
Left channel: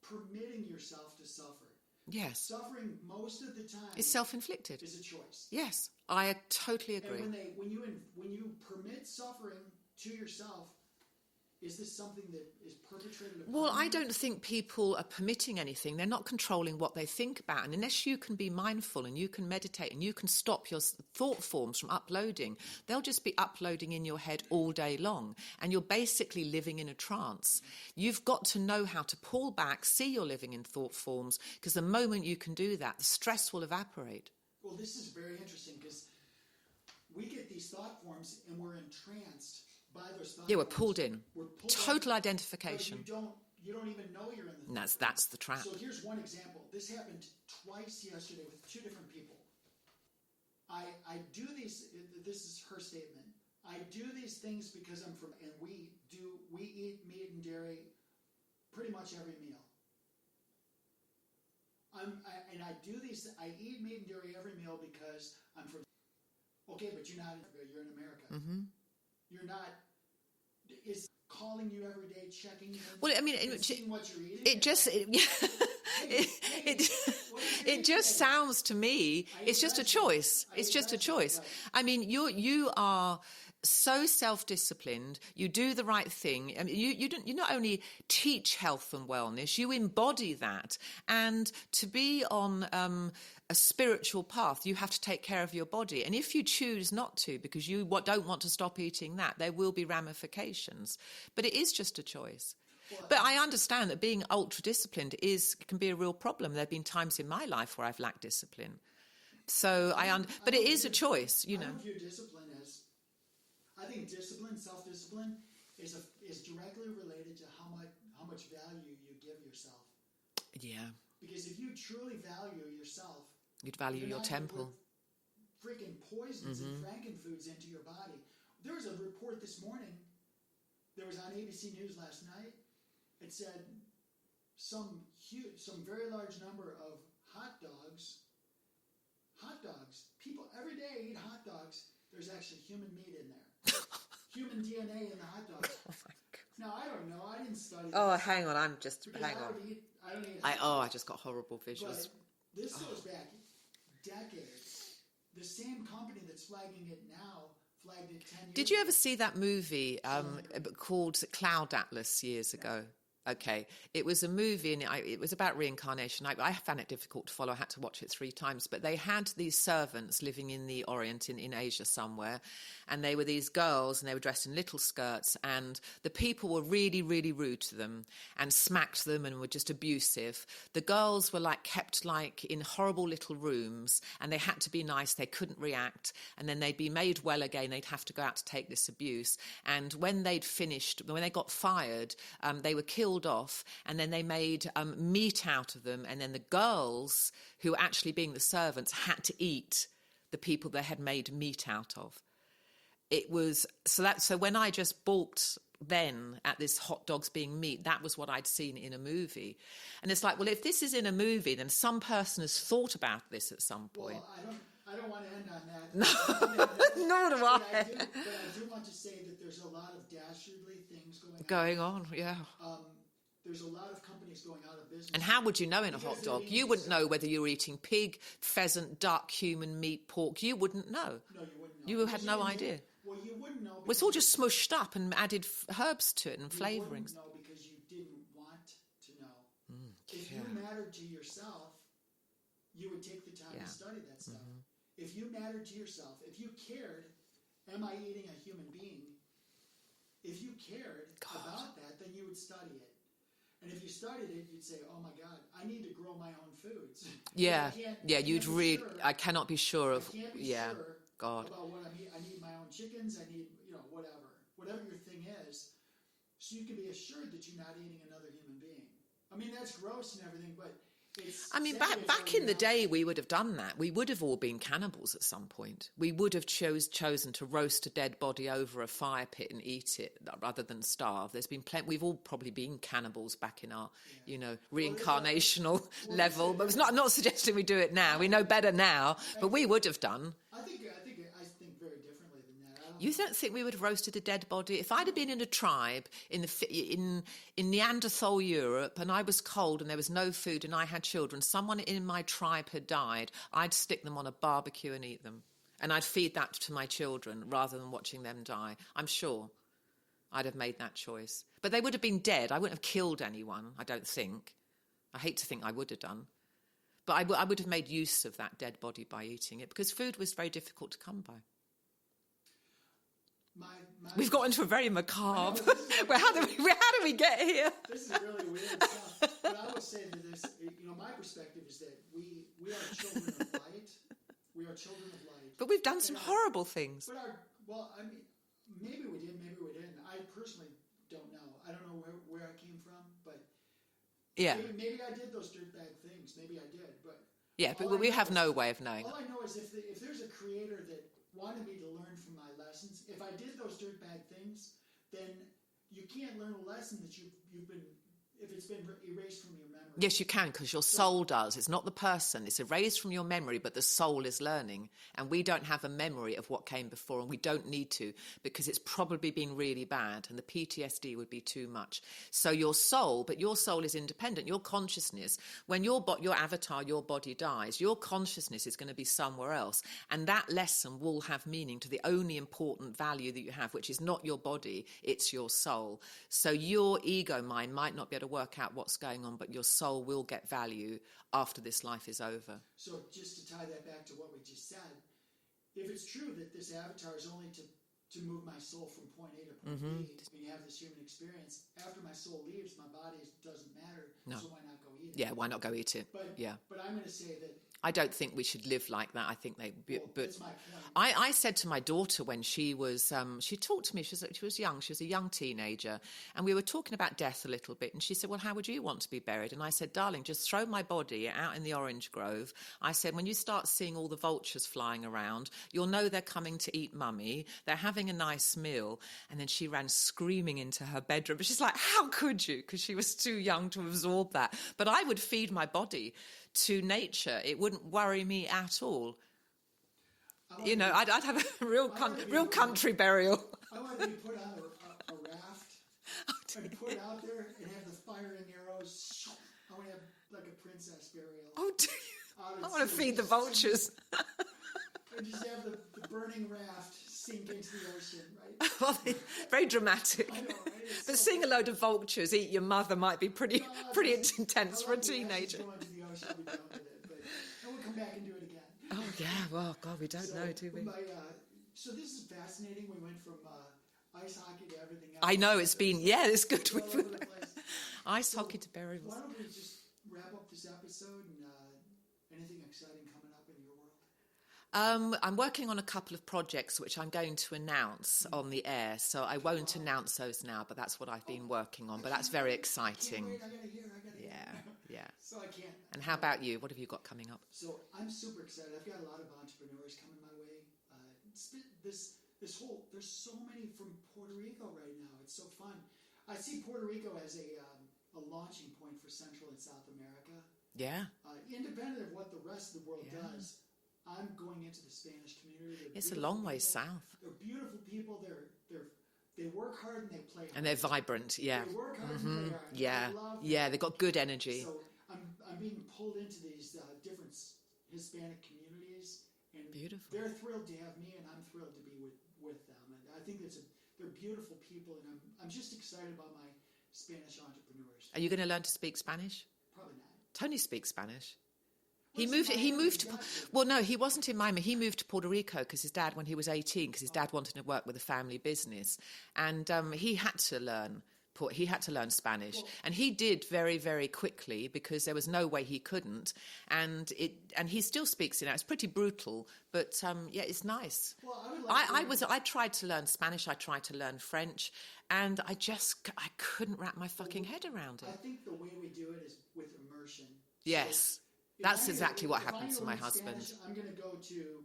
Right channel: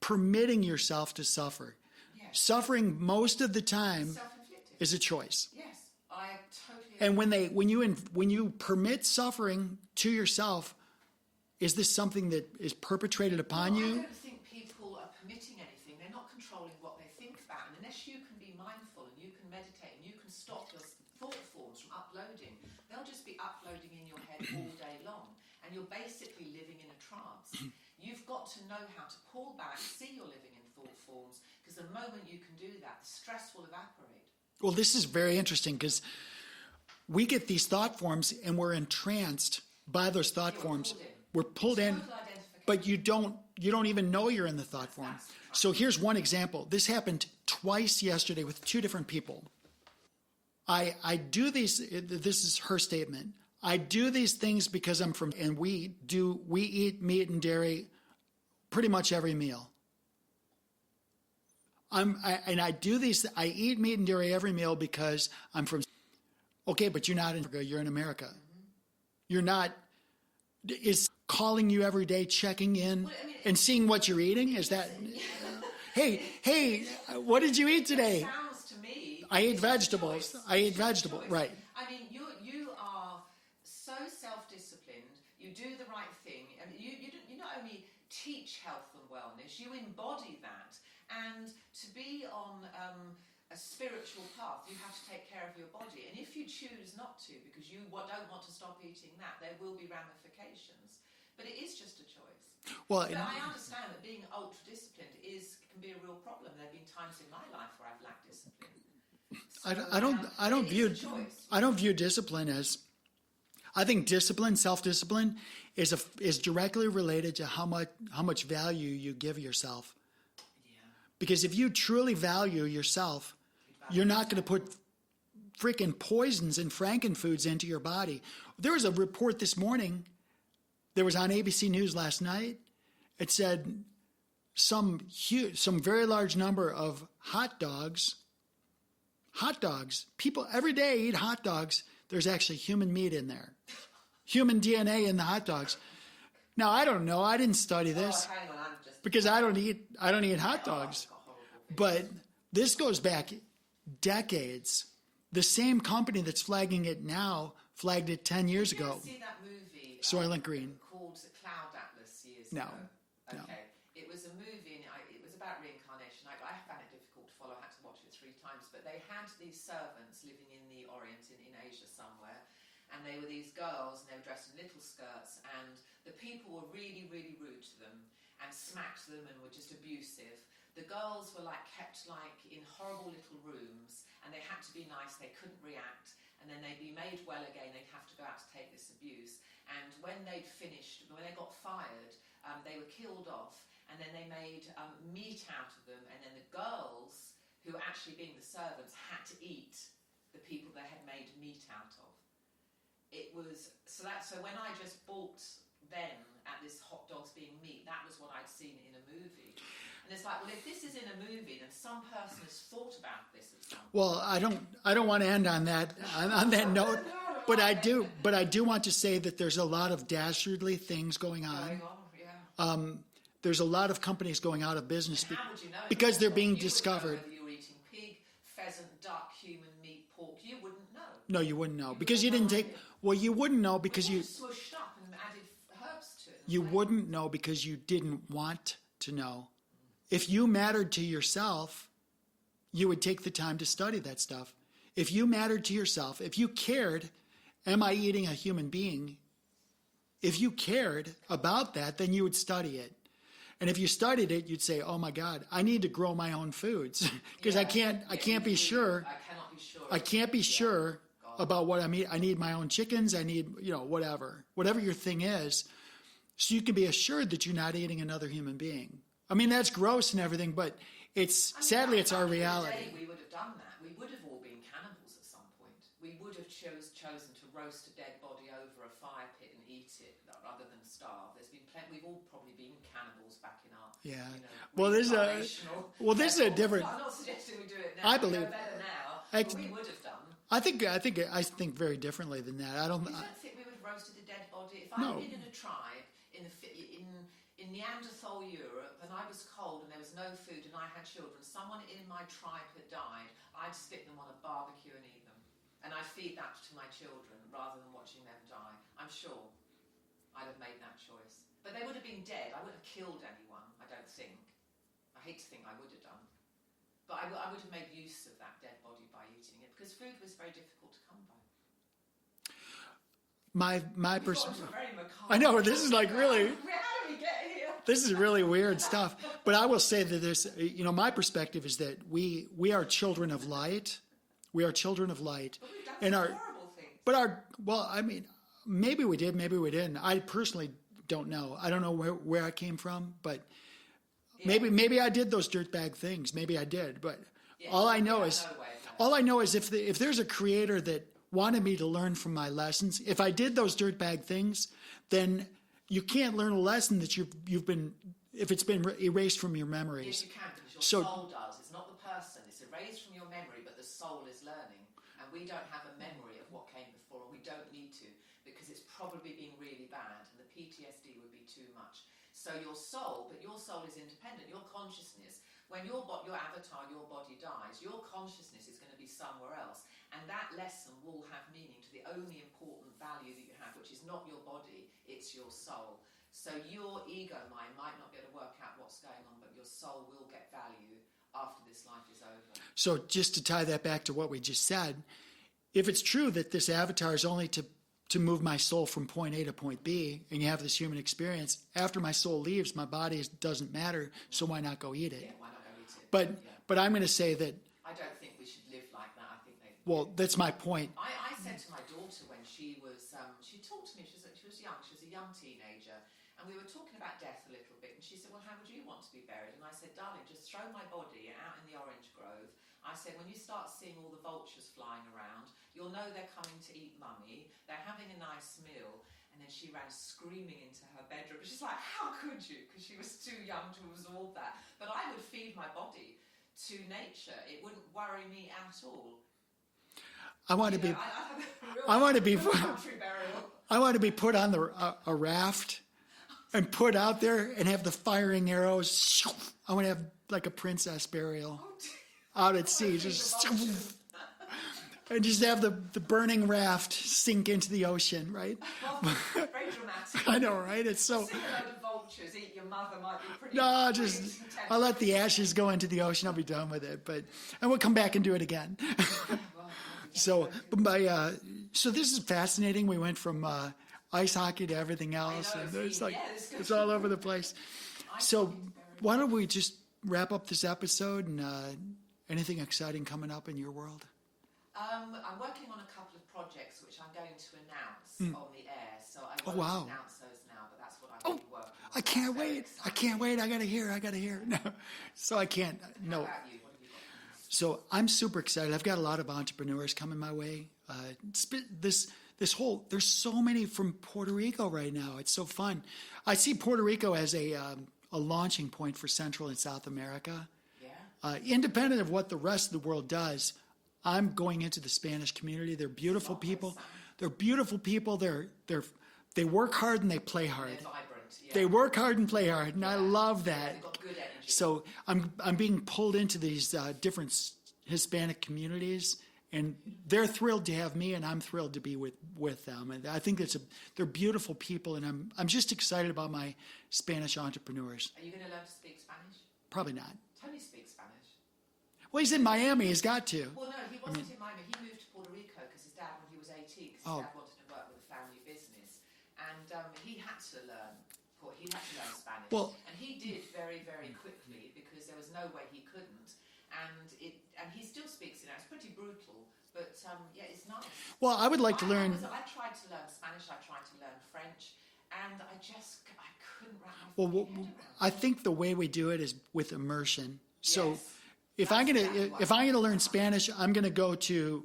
permitting yourself to suffer? Yes. Suffering most of the time It's self-inflicted. is a choice. Yes. I totally agree. And when you permit suffering to yourself, is this something that is perpetrated upon Well, you? I don't think people are permitting anything. They're not controlling what they think about. And unless you can be mindful and you can meditate and you can stop your thought forms from uploading, they'll just be uploading in your head all day long. And you're basically living in a trance. You've got to know how to pull back, see you're living in thought forms, because the moment you can do that, the stress will evaporate. Well, this is very interesting because we get these thought forms and we're entranced by those thought Yeah, we're forms. pulled in. We're pulled in. Total identification. But you don't even know you're in the thought form. That's the trap. So here's one example. This happened twice yesterday with two different people. I do these, this is her statement. I do these things because I'm from, and we eat meat and dairy pretty much every meal. I eat meat and dairy every meal because I'm from, okay, but you're not in Africa, you're in America. Mm-hmm. You're not, is calling you every day, checking in, Well, I mean, and seeing what you're eating? It just... Hey, what did you eat today? It just sounds to me, I eat it's just vegetables. a choice. I It's eat just vegetables, a choice. right. I mean, you are so self-disciplined. You do the right thing. I mean, you not only teach health and wellness, you embody that. And to be on a spiritual path, you have to take care of your body. And if you choose not to, because you don't want to stop eating that, there will be ramifications. But it is just a choice. Well, but I understand that being ultra-disciplined can be a real problem. There have been times in my life where I've lacked discipline. So but it is a choice. I don't view discipline as, I think discipline, self-discipline, is directly related to how much value you give yourself. Yeah. Because if you truly value yourself, Value you're your not going to put temple. freaking poisons and frankenfoods into your body. There was a report this morning. There was on ABC News last night. It said some very large number of hot dogs. People every day eat hot dogs. There's actually human meat in there. Human DNA in the hot dogs. Now, I don't know. I didn't study this. Oh, hang on. I'm just... Because I don't eat hot dogs. Oh, I just got horrible visions. But this goes back decades. The same company that's flagging it now flagged it 10 years ago. Did you ever see that movie Soylent Green. called Cloud Atlas years ago? Okay. It was a movie and it was about reincarnation. I found it difficult to follow. I had to watch it 3 times. But they had these servants living in the Orient, in Asia somewhere. And they were these girls and they were dressed in little skirts. And the people were really, really rude to them and smacked them and were just abusive. The girls were kept in horrible little rooms and they had to be nice. They couldn't react. And then they'd be made well again. They'd have to go out to take this abuse. And when they'd finished, when they got fired, they were killed off. And then they made meat out of them. And then the girls, who were actually being the servants, had to eat the people they had made meat out of. it was so when I just balked then at this hot dogs being meat, that was what I'd seen in a movie. And it's like, well, if this is in a movie, then some person has thought about this at some point. Well, I don't want to end on that on that note. Nor do but I. But I do want to say that there's a lot of dastardly things going on. Yeah. There's a lot of companies going out of business. And how would you know in because a hot they're dog? being You discovered. wouldn't know whether you were eating pig, pheasant, duck, human meat, pork. You wouldn't know. No, you wouldn't know You because have you no didn't idea. take. Well, you wouldn't know because It's all you just smushed up and added herbs to it and you flavourings. wouldn't know because you didn't want to know. If you mattered to yourself, you would take the time to study that stuff. If you mattered to yourself, if you cared, am I eating a human being? If you cared about that, then you would study it. And if you studied it, you'd say, "Oh my God, I need to grow my own foods because I can't be sure. I cannot be sure. I can't be sure God. about what I'm eating. I need my own chickens. I need, whatever your thing is, so you can be assured that you're not eating another human being. I mean, that's gross and everything, but sadly, it's our reality. Back in the day, we would have done that. We would have all been cannibals at some point. We would have chosen to roast a dead body over a fire pit and eat it rather than starve. There's been plenty. We've all probably been cannibals back in our, reincarnational level. I'm not suggesting we do it now. We know better now, but we would have done. I think very differently than that. You don't think we would have roasted a dead body? If I'd have been in a tribe in Neanderthal Europe and I was cold and there was no food and I had children, someone in my tribe had died, I'd stick them on a barbecue and eat them. And I'd feed that to my children rather than watching them die. I'm sure I'd have made that choice. But they would have been dead. I wouldn't have killed anyone, I don't think. I hate to think I would have done. But I would have made use of that dead body by eating it because food was very difficult to come by. We've got into a very macabre. I know, this is like really... How do we get here? This is really weird stuff. But I will say that there's, my perspective is that we are children of light. We are children of light. But we've done some horrible things. But maybe we did, maybe we didn't. I personally don't know. I don't know where I came from, but maybe I did those dirtbag things. Maybe I did, but we have no way of knowing. All I know is if there's a creator that wanted me to learn from my lessons, if I did those dirtbag things, then you can't learn a lesson that if it's been erased from your memory. Yes, you can, because your soul does. It's not the person. It's erased from your memory, but the soul is learning. And we don't have a memory of what came before, and we don't need to, because it's probably been really bad, and the PTSD would be too much. So your soul is independent. Your consciousness, when your avatar, your body dies, your consciousness is going to be somewhere else. And that lesson will have meaning to the only important value that you have, which is not your body, it's your soul. So your ego mind might not be able to work out what's going on, but your soul will get value after this life is over. So just to tie that back to what we just said, if it's true that this avatar is only to move my soul from point A to point B, and you have this human experience, after my soul leaves, my body doesn't matter, so why not go eat it? Yeah, why not go eat it? But I'm going to say that I don't think we should live like that. I think that's my point. I said to my daughter when she was, she talked to me, she was young, she was a young teenager, and we were talking about death a little bit, and she said, well, how would you want to be buried? And I said, darling, just throw my body out in the orange grove. I said, when you start seeing all the vultures flying around, you'll know they're coming to eat mummy, they're having a nice meal. And then she ran screaming into her bedroom. But she's like, how could you? Because she was too young to absorb that. But I would feed my body to nature. It wouldn't worry me at all. I'd have a real country burial. I want to be put on a raft and put out there and have the firing arrows. I want to have like a princess burial out at sea. I want to feed the vultures. And just have the burning raft sink into the ocean, right? Well, very dramatic. I know, right? It's so... Seeing a load of vultures eat your mother might be pretty intense. I'll let the ashes go into the ocean. I'll be done with it. And we'll come back and do it again. Yeah, well, we don't know. So this is fascinating. We went from ice hockey to everything else. I know, it's been, it's good. It's all over the place. Ice hockey to buried. Why don't we just wrap up this episode and anything exciting coming up in your world? I'm working on a couple of projects which I'm going to announce on the air, so I won't announce those now, but that's what I've been working on. That's very exciting. I can't wait. I got to hear. Yeah. So I can't. And how about you? What have you got coming up? So I'm super excited. I've got a lot of entrepreneurs coming my way. there's so many from Puerto Rico right now. It's so fun. I see Puerto Rico as a launching point for Central and South America. Yeah. Independent of what the rest of the world does, I'm going into the Spanish community. They're beautiful people. They're beautiful people. They work hard and they play hard. And they're vibrant. Yeah. They work hard and play hard, and I love that. Yeah, they've got good energy. So I'm being pulled into these different Hispanic communities, and they're thrilled to have me, and I'm thrilled to be with them. And I think they're beautiful people, and I'm just excited about my Spanish entrepreneurs. Are you going to learn to speak Spanish? Probably not. Tony speaks Spanish. Well, he's in Miami. He's got to. Well, no, he wasn't in Miami. He moved to Puerto Rico because his dad, when he was 18, because his dad wanted to work with a family business, and he had to learn. He had to learn Spanish, and he did very, very quickly because there was no way he couldn't. And he still speaks it now. It's pretty brutal, but it's nice. Well, I would like to learn. I tried to learn Spanish. I tried to learn French, and I couldn't wrap my fucking head around it. I think the way we do it is with immersion. Yes. So if I'm going to learn Spanish, I'm going to go to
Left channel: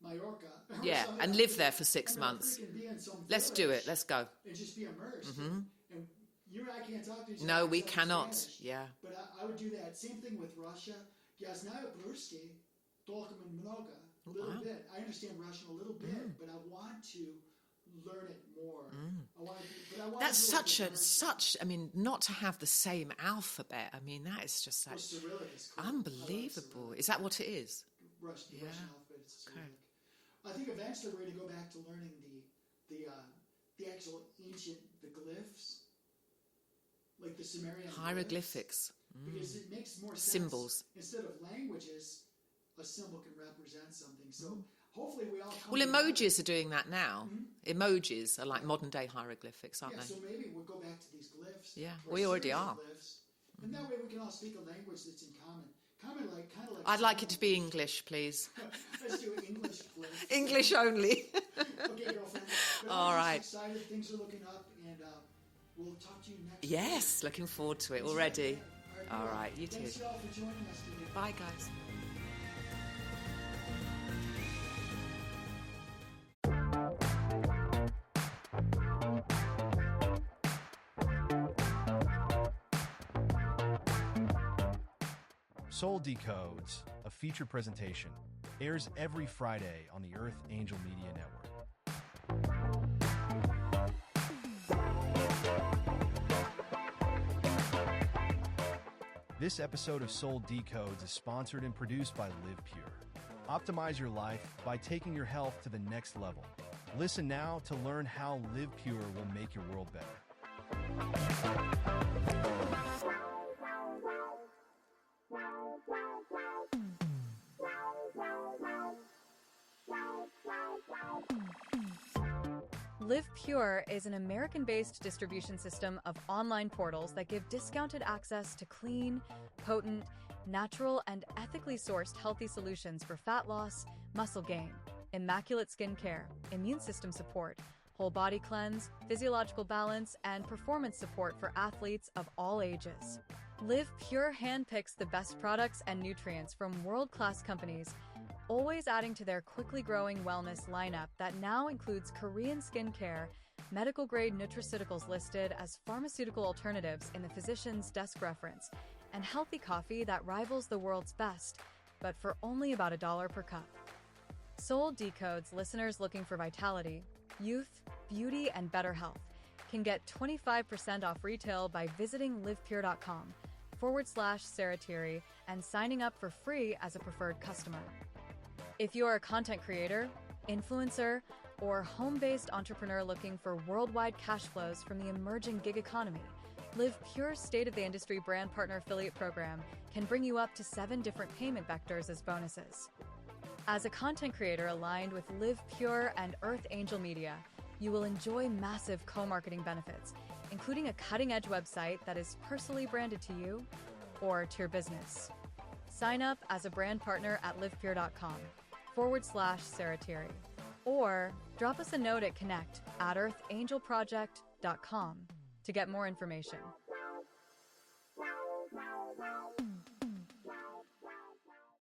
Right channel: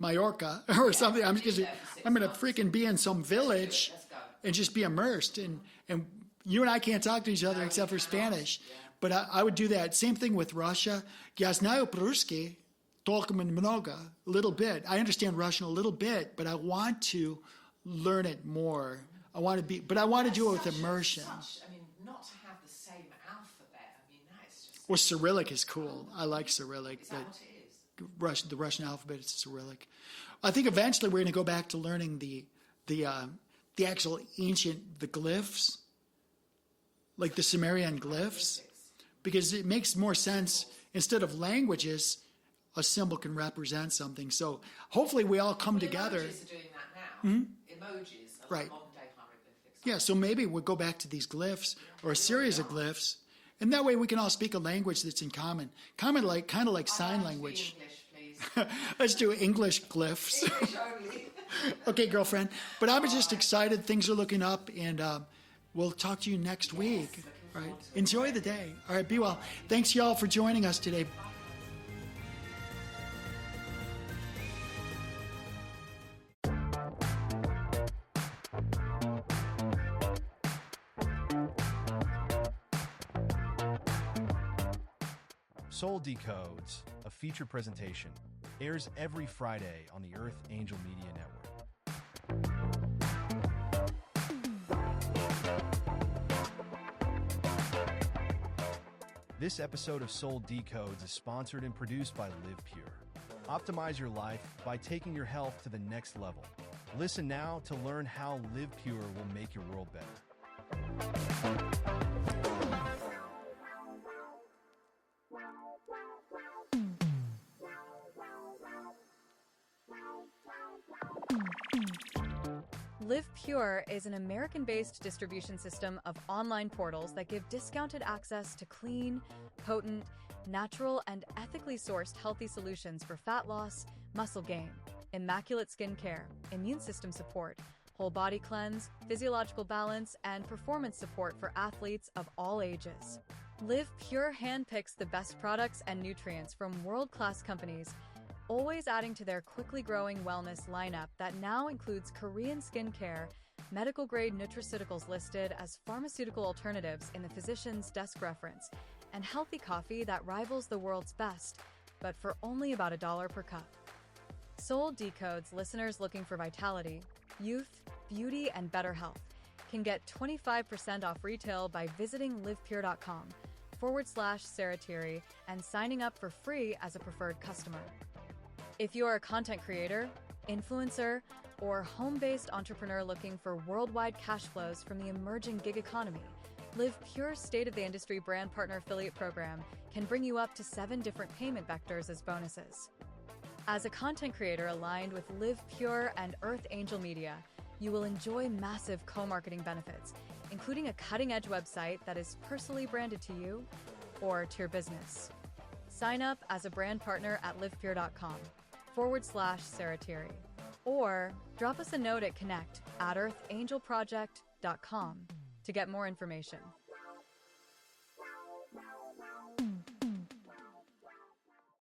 Mallorca or something. And live there for 6 months. I'm going to freaking be in some village. Let's do it. Let's go. And just be immersed. And you and I can't talk to each other except for Spanish. Yeah. But I would do that. Same thing with Russia. Я знаю по-русски, только много, a little bit. I understand Russian a little bit, but I want to learn it more. I want to do it with immersion. Not to have the same alphabet. I mean, that is just. Well, Cyrillic is cool. I like Cyrillic. Is that what it is? The Russian alphabet is Cyrillic. I think eventually we're going to go back to learning the actual ancient glyphs, like the Sumerian glyphs, because it makes more sense. Symbols. Instead of languages, a symbol can represent something. So hopefully we all come together. Emojis are doing that now. Emojis are like modern day hieroglyphics, aren't they? So maybe we'll go back to these glyphs or a series of glyphs. And that way we can all speak a language that's in common. Kind of like sign language. I'd like it to be English, please. Let's do English glyphs. English only. Okay, girlfriend. But I'm just excited. Things are looking up, and we'll talk to you next week. Yes, looking forward to it. Enjoy the day. All right, be well. Thanks, y'all, for joining us today. Bye, guys. Soul Decodes, a feature presentation, airs every Friday on the Earth Angel Media Network. This episode of Soul Decodes is sponsored and produced by Live Pure. Optimize your life by taking your health to the next level. Listen now to learn how Live Pure will make your world better. Live Pure is an American-based distribution system of online portals that give discounted access to clean, potent, natural, and ethically sourced healthy solutions for fat loss, muscle gain, immaculate skin care, immune system support, whole body cleanse, physiological balance, and performance support for athletes of all ages. Live Pure handpicks the best products and nutrients from world-class companies, always adding to their quickly growing wellness lineup that now includes Korean skincare, medical-grade nutraceuticals listed as pharmaceutical alternatives in the physician's desk reference, and healthy coffee that rivals the world's best, but for only about $1 per cup. Soul Decodes listeners looking for vitality, youth, beauty, and better health can get 25% off retail by visiting livepure.com/Sarah Tirri and signing up for free as a preferred customer. If you are a content creator, influencer, or home-based entrepreneur looking for worldwide cash flows from the emerging gig economy, Live Pure's state-of-the-industry brand partner affiliate program can bring you up to 7 different payment vectors as bonuses. As a content creator aligned with Live Pure and Earth Angel Media, you will enjoy massive co-marketing benefits, including a cutting-edge website that is personally branded to you or to your business. Sign up as a brand partner at livepure.com/Sarah Tirri, or drop us a note at connect@earthangelproject.com to get more information.